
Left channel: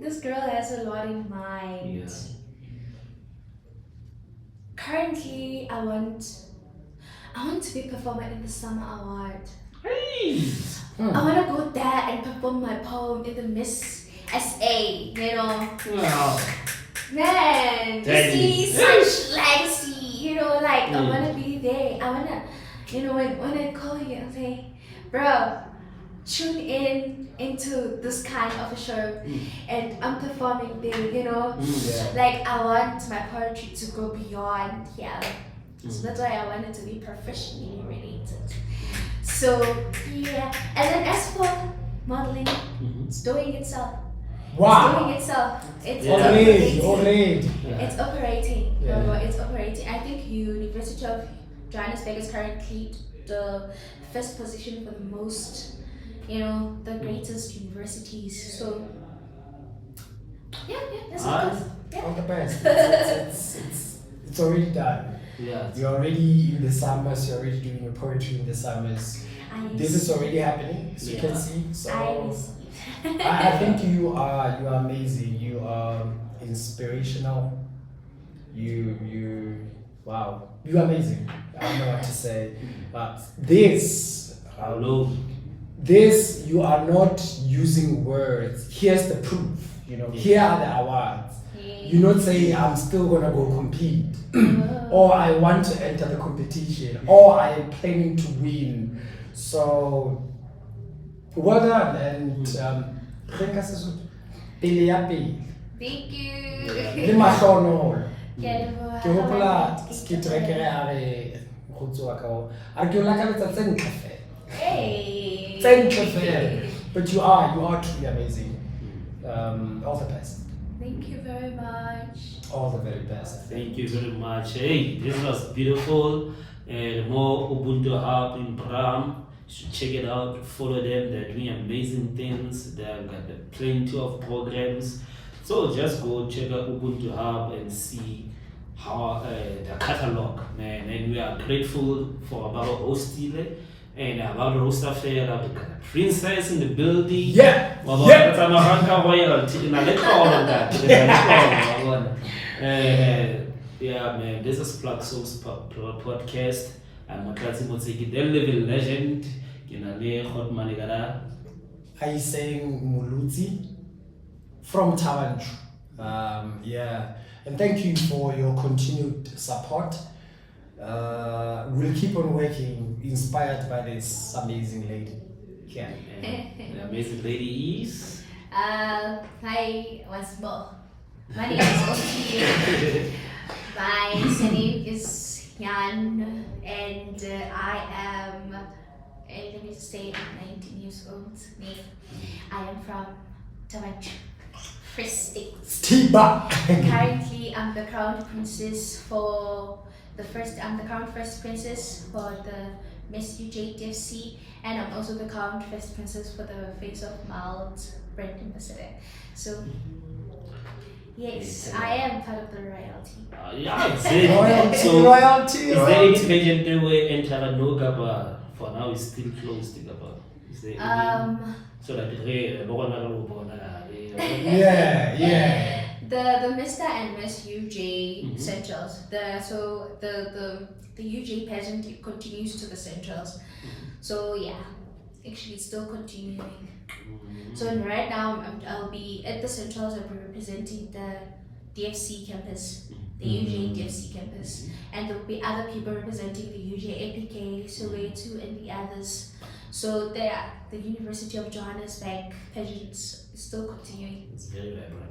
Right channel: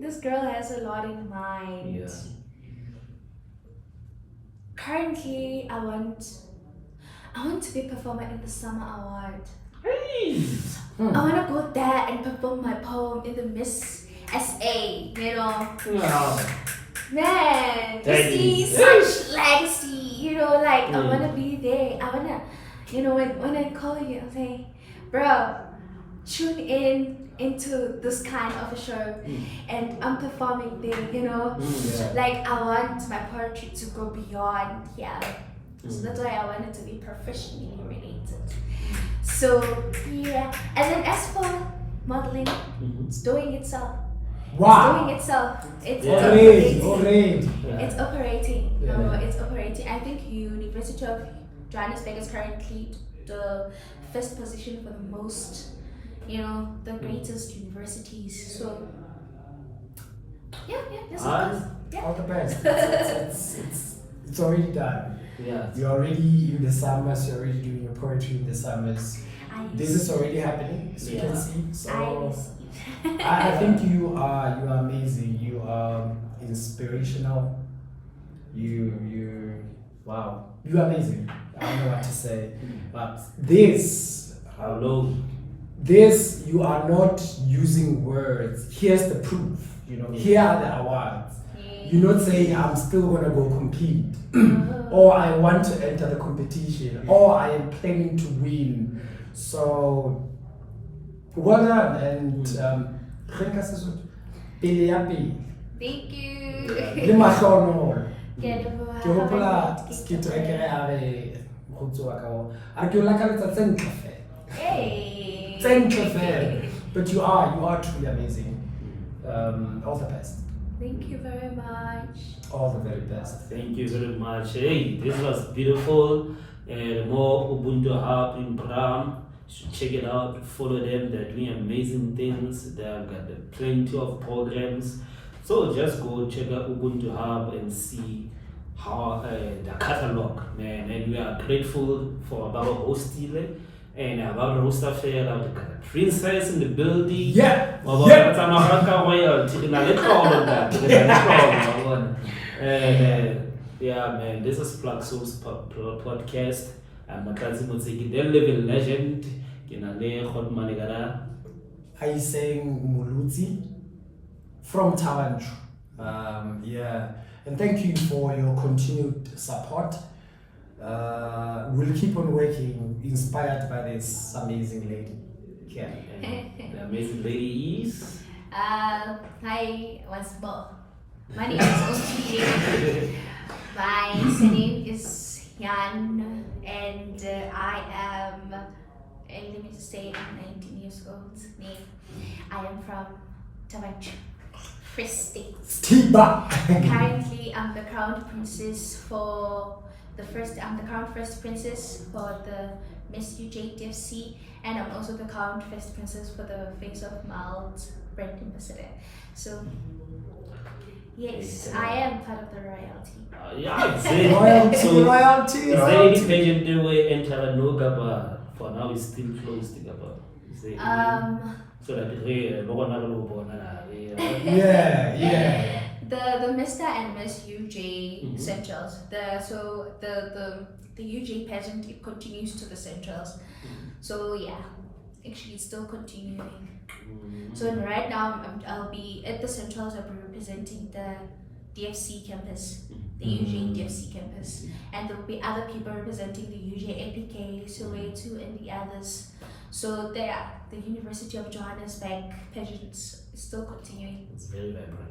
This girl has a lot in mind. Yeah. Currently, I want to be a performer in the Summer Award. I want to go there and perform my poem in the Miss SA, you know. Wow. Man, to see such legacy, you know, like I want to be there. I want to, you know, when I call you and say, bro, tune into this kind of a show, and I'm performing there, you know. Like I want my poetry to go beyond here. So that's why I wanted to be professionally related. So yeah, and then as for modeling, it's doing itself. Wow. It's doing itself. It's Already. It's operating. Yeah. No, it's operating. I think University of Johannesburg is currently the first position for the most, you know, the greatest universities. So yeah, that's All the best. It's already done. Yeah. You're already in the summers. You're already doing your poetry in the summers. This is already happening, as you can see. So I think you are amazing. You are inspirational. Wow. You're amazing. I don't know what to say, but this you are not using words. Here's the proof. You know, here are the awards. You not say I'm still gonna go compete, or I want to enter the competition, or I am planning to win. So well done, and Thank you. le mahlohonolo. Ke a leboha. Ke hopola skit rekere a re mokgotsi wa ka o a re ke o lakaletsa tse ntle fela. Hey. Tse ntle fela. But you are truly amazing. All the best. Thank you very much. All the very best. Thank you very much. Hey, this was beautiful. More Ubuntu Hub in Braam. You should check it out. Follow them. They're doing amazing things. They've got plenty of programs. So just go check out Ubuntu Hub and see how the catalog, man. And we are grateful for our hosting and about Rosa Fair, the princess in the building. Yeah. That's a Maranka royalty. Now let's call on that. Yeah, man. This is Plug Soul's podcast. I'm Motseki, the living legend. Kinale Hot Manigara. Aiseng Molutsi from Tavanchu. Yeah, and thank you for your continued support. We'll keep on working, inspired by this amazing lady. Yeah. And the amazing lady is. Hi, once more. My name is OMPHILE. My surname is Jan, and I am, let me just say, I'm 19 years old. I am from Tavanchu, Free State. Stiba. Currently, I'm the crown princess for I'm the crown first princess for the Miss UJ DFC, and I'm also the crown first princess for the Face of Mild brand ambassador. So, yes, I am part of the royalty. Yeah, it's Royalty, so, royalty, is there royalty. any pageantry where enter no gaba? For now, it's still closed. Gaba. Is there any? So that Yeah. The Mr. and Miss UJ Centrals. The UJ pageant, it continues to the Centrals. So yeah, actually it's still continuing. So right now I'll be at the Centrals. I'll be representing the DFC campus, the UJ DFC campus, and there will be other people representing the UJ APK, Soweto, and the others. So there, the University of Johannesburg pageants is still continuing. It's very vibrant.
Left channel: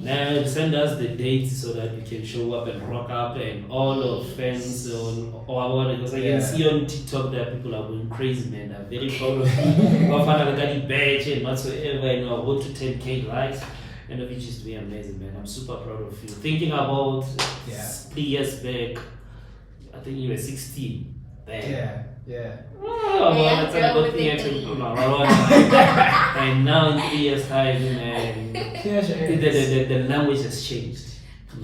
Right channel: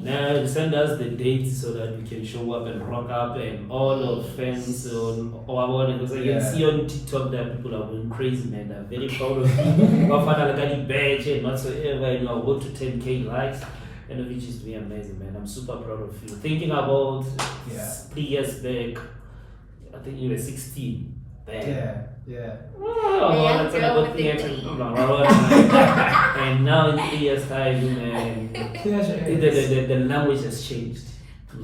Now send us the dates so that we can show up and rock up and all of fans on our, because I can see on TikTok that people are going crazy, man. I'm very proud of you. I found out I badge and whatsoever, you know, I go to 10K likes, and which is really amazing, man. I'm super proud of you. Thinking about 3 years back, I think you were 16. Back. Yeah. Oh, that's a good thing actually. And now in 3 years time, man, the language has changed.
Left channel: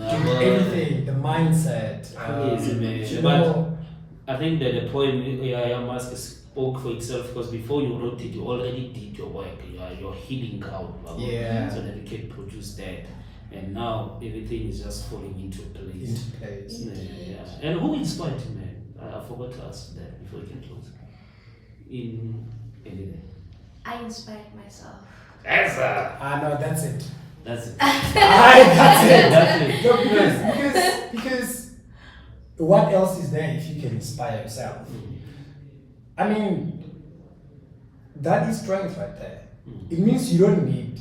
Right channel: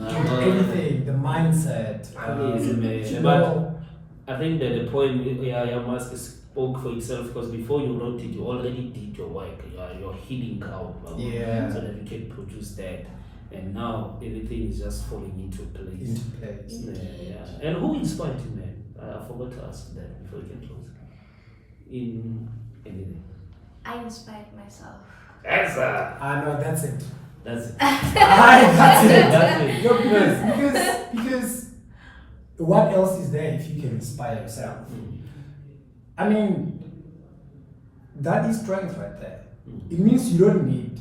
Everything, the mindset. Crazy, man. But I think that the point I must spoke for itself, because before you wrote it, you already did your work. You're healing out, so that you can produce that. And now everything is just falling into place. Yeah. And who inspired you, man? I forgot to ask that before we can close. In anything. I inspired myself. That's That's it. That's it. That's it. No, because what else is there if you can inspire yourself? I mean, that is strength right there. It means you don't need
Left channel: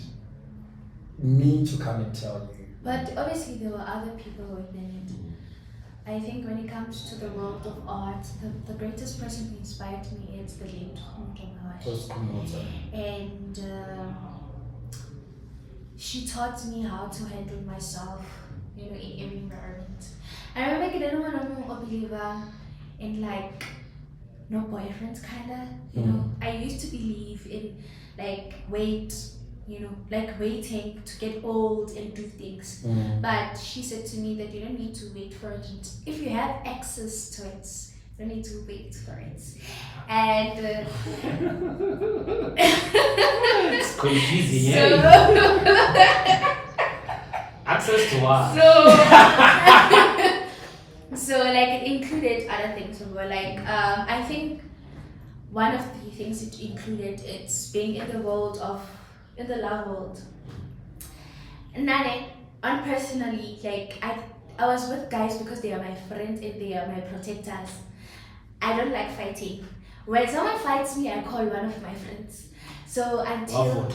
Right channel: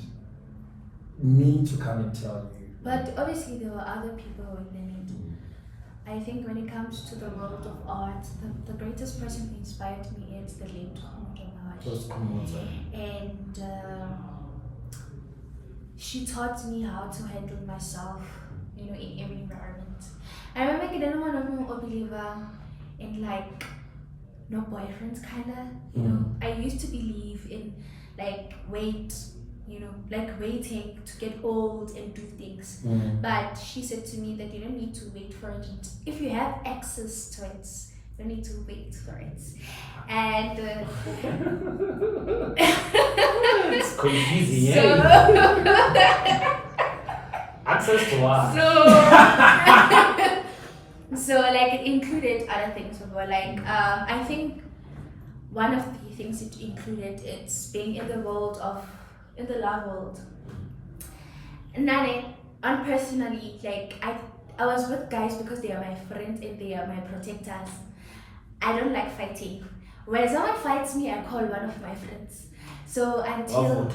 me to come and tell you. But obviously there were other people within it. I think when it comes to the world of art, the greatest person who inspired me is the late Motlhompegi. And she taught me how to handle myself, in every environment. I remember I didn't want to know a believer in like no boyfriends kinda. I used to believe in like waiting to get old and do things. But she said to me that you don't need to wait for it. If you have access to it, you don't need to wait for it. And it's confusing, access to what? So like it included other things. So like I think one of the things it included, it's being in the love world. Nane, on personally, like I was with guys because they are my friends and they are my protectors. I don't like fighting. When someone fights me, I call one of my friends. So until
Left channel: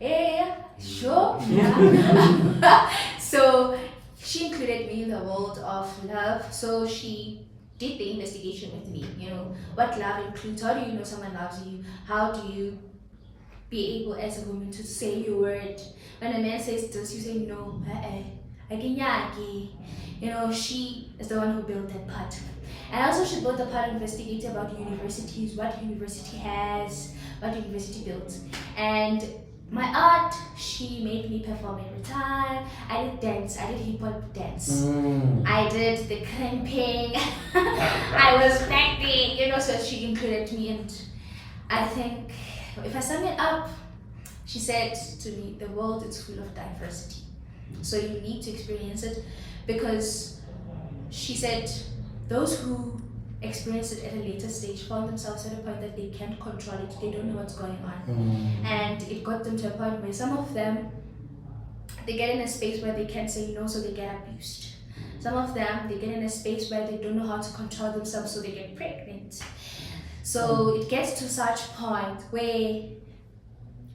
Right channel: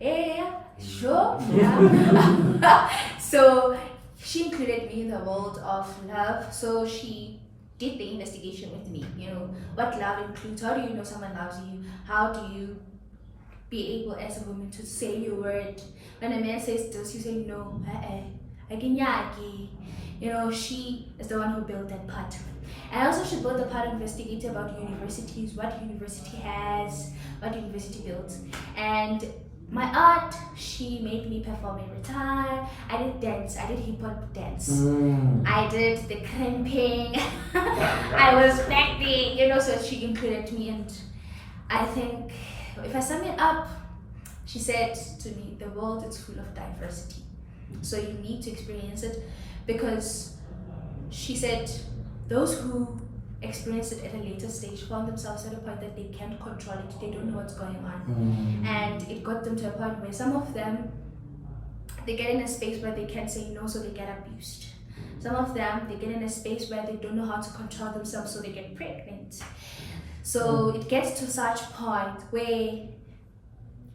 yeah, sure, yeah. So she included me in the world of love. So she did the investigation with me. You know what love includes. How do you know someone loves you? How do you be able as a woman to say your word? When a man says this, you say no. You know, she is the one who built that part. And also she built a part of investigating about universities, what university has, what university built. And my art, she made me perform every time. I did dance, I did hip hop dance. I did the cramping. I was acting, you know, so she included me. And I think if I sum it up, she said to me, the world is full of diversity. So you need to experience it, because she said those who experience it at a later stage found themselves at a point that they can't control it, they don't know what's going on. And it got them to a point where some of them, they get in a space where they can't say no, so they get abused. Some of them, they get in a space where they don't know how to control themselves, so they get pregnant. So it gets to such point where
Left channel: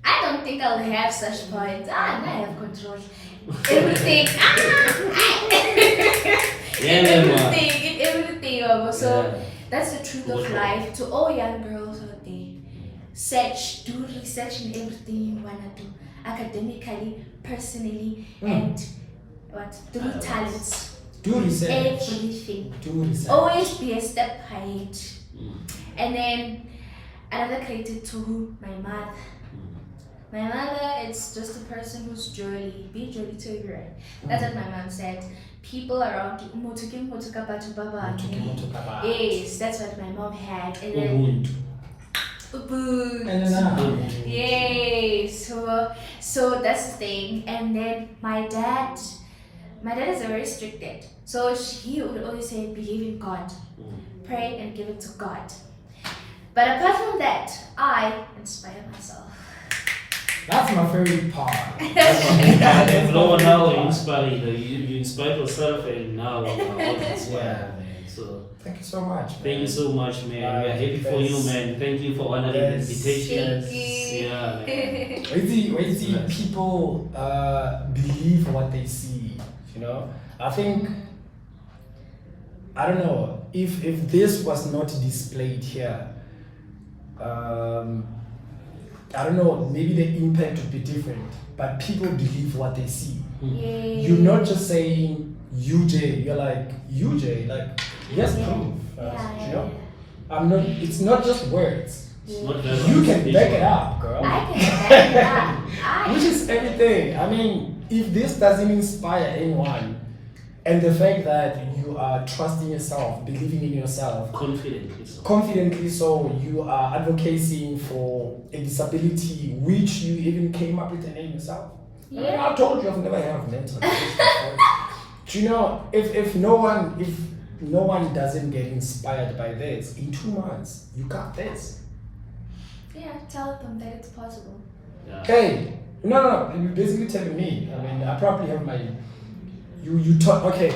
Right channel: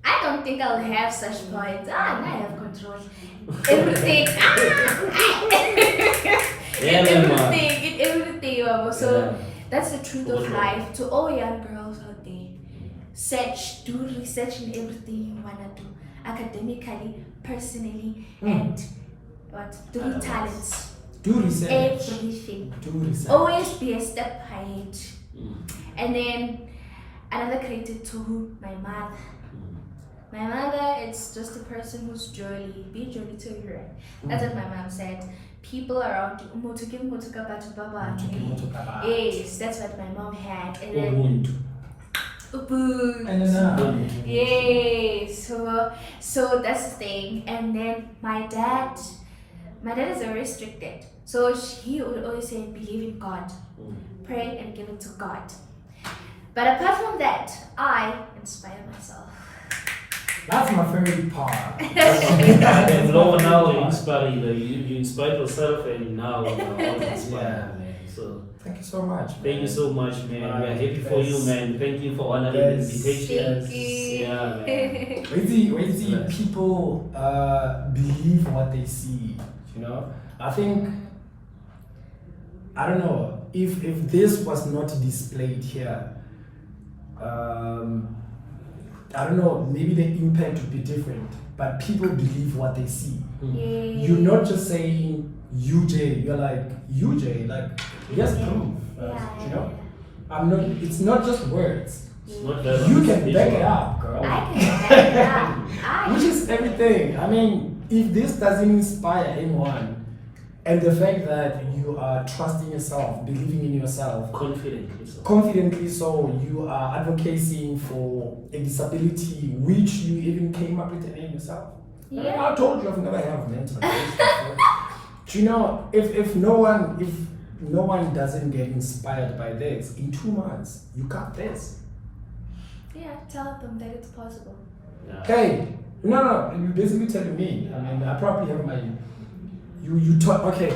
I don't think I'll have such point. I have control. Everything. Everything. So that's the truth of life. To all young girls out there, do research in everything you wanna do, academically, personally, and through talents. Do research. Everything. Do research. Always be a step ahead. And then another credit to my mother. My mother, it's just a person who's jolly. Be jolly to you. That's what my mom said. People around you. Yes, that's what my mom had. And then Ubuntu. Yes. So that's the thing. And then my dad is a very strict dad. So he would always say, believe in God. Pray and give it to God. But apart from that, I inspire myself. That's my favorite part. And now you inspire you inspire yourself, and now inspire. So thank you so much. Thank you so much, man. We are happy for you, man. Thank you for honoring the invitation. Thank you. Yeah, man. Wait till people believe what they see. You know, I think, I don't know if this was not displayed here. I don't know, maybe the impact would be different, but people believe what they see. You're not just saying UJ, you're like UJ, like yes, proof. You know, it's not just words. It's not you can back it up, girl. I can back it up. Which is everything. I mean, if this doesn't inspire anyone, and the fact that you are trusting yourself, believing in yourself, confidently so, you are advocating for a disability which you even came up with the name yourself. I told you I've never had mental illness before. Do you know, if no one doesn't get inspired by this, in 2 months you got this. Yeah, tell them that it's possible. Yeah. Hey, no, you're basically telling me. I mean, I probably have my. You taught, okay,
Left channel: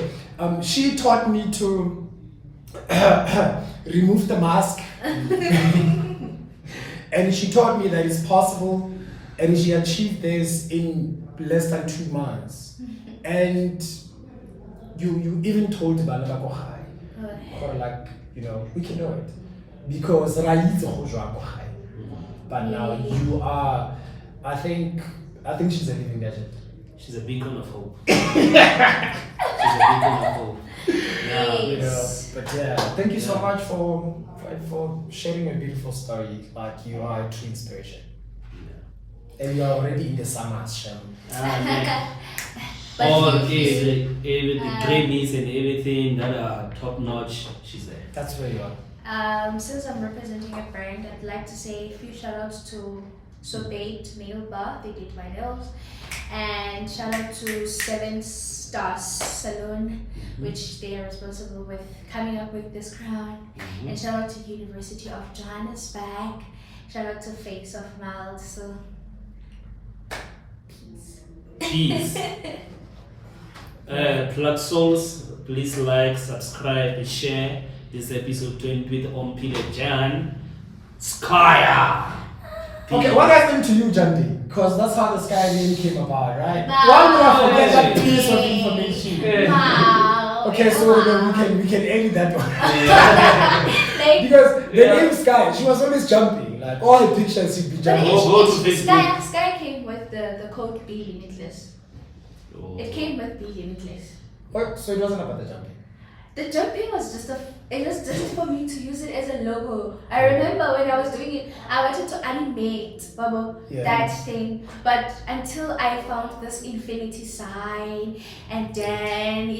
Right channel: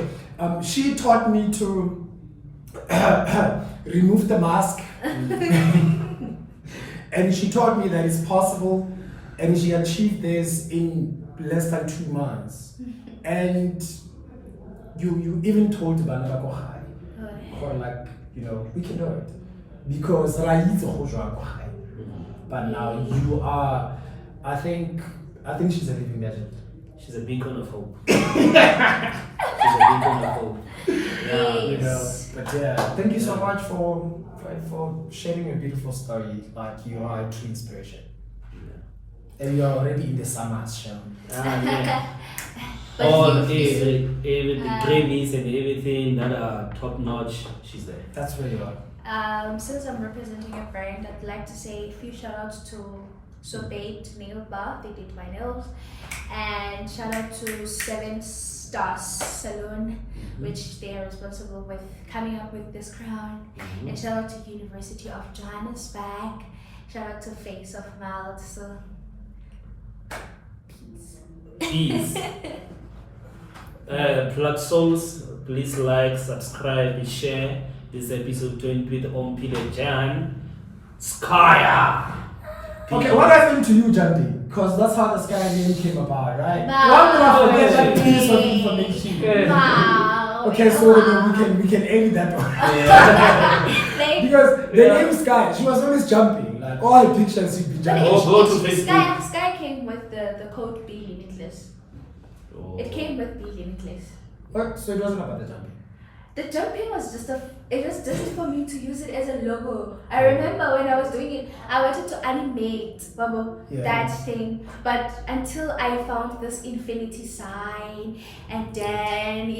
she taught me to remove the mask and she taught me that it's possible, and she achieved this in less than 2 months. And you even told Bana or like, you know, we can do it because but now you are, I think she's a living legend. She's a beacon of hope. She's a beacon of hope. Yeah, you know. But yeah, thank you so much for sharing a beautiful story. Like, you are a true inspiration. Yeah. And you're already in the summers, Shem. All the Grammys and everything that are top notch, she's there. That's where you are. Since I'm representing a brand, I'd like to say a few shout outs to Sobate Nail Bar, they did my nails, and shout out to 7 Stars Salon, which they are responsible with coming up with this crown, and shout out to University of Johannesburg, shout out to Face of Mouth. So peace. Plug Souls, please like, subscribe, and share this episode 20 with OMPHILE Jan. SKYER! Okay, what happened to you, Jandi? Because that's how the SKYER name came about, right? Wow. Why would I forget that piece of information? Wow. Okay, so then we can edit that one. Like, Because the name Sky, she was always jumping. Like all her pictures, she'd be but jumping. Go to Facebook. Sky came with the code B limitless. Oh. It came with B limitless. Oh, so it wasn't about the jumping. The jumping was it was just for me to use it as a logo. I remember when I was doing it, I wanted to animate that thing, but until I found this infinity sign, and then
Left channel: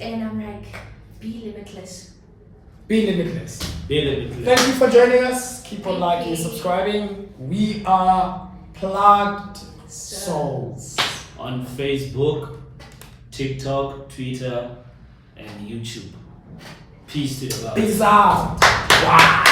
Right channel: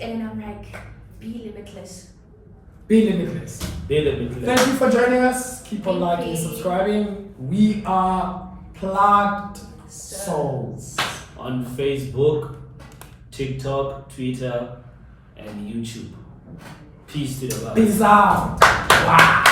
and I'm like, be limitless. Be limitless. Be limitless. Thank you for joining us. Keep on Thank liking and you. subscribing. We are Plugged Souls. On Facebook, TikTok, Twitter, and YouTube. Peace to the world. Peace out. Wow.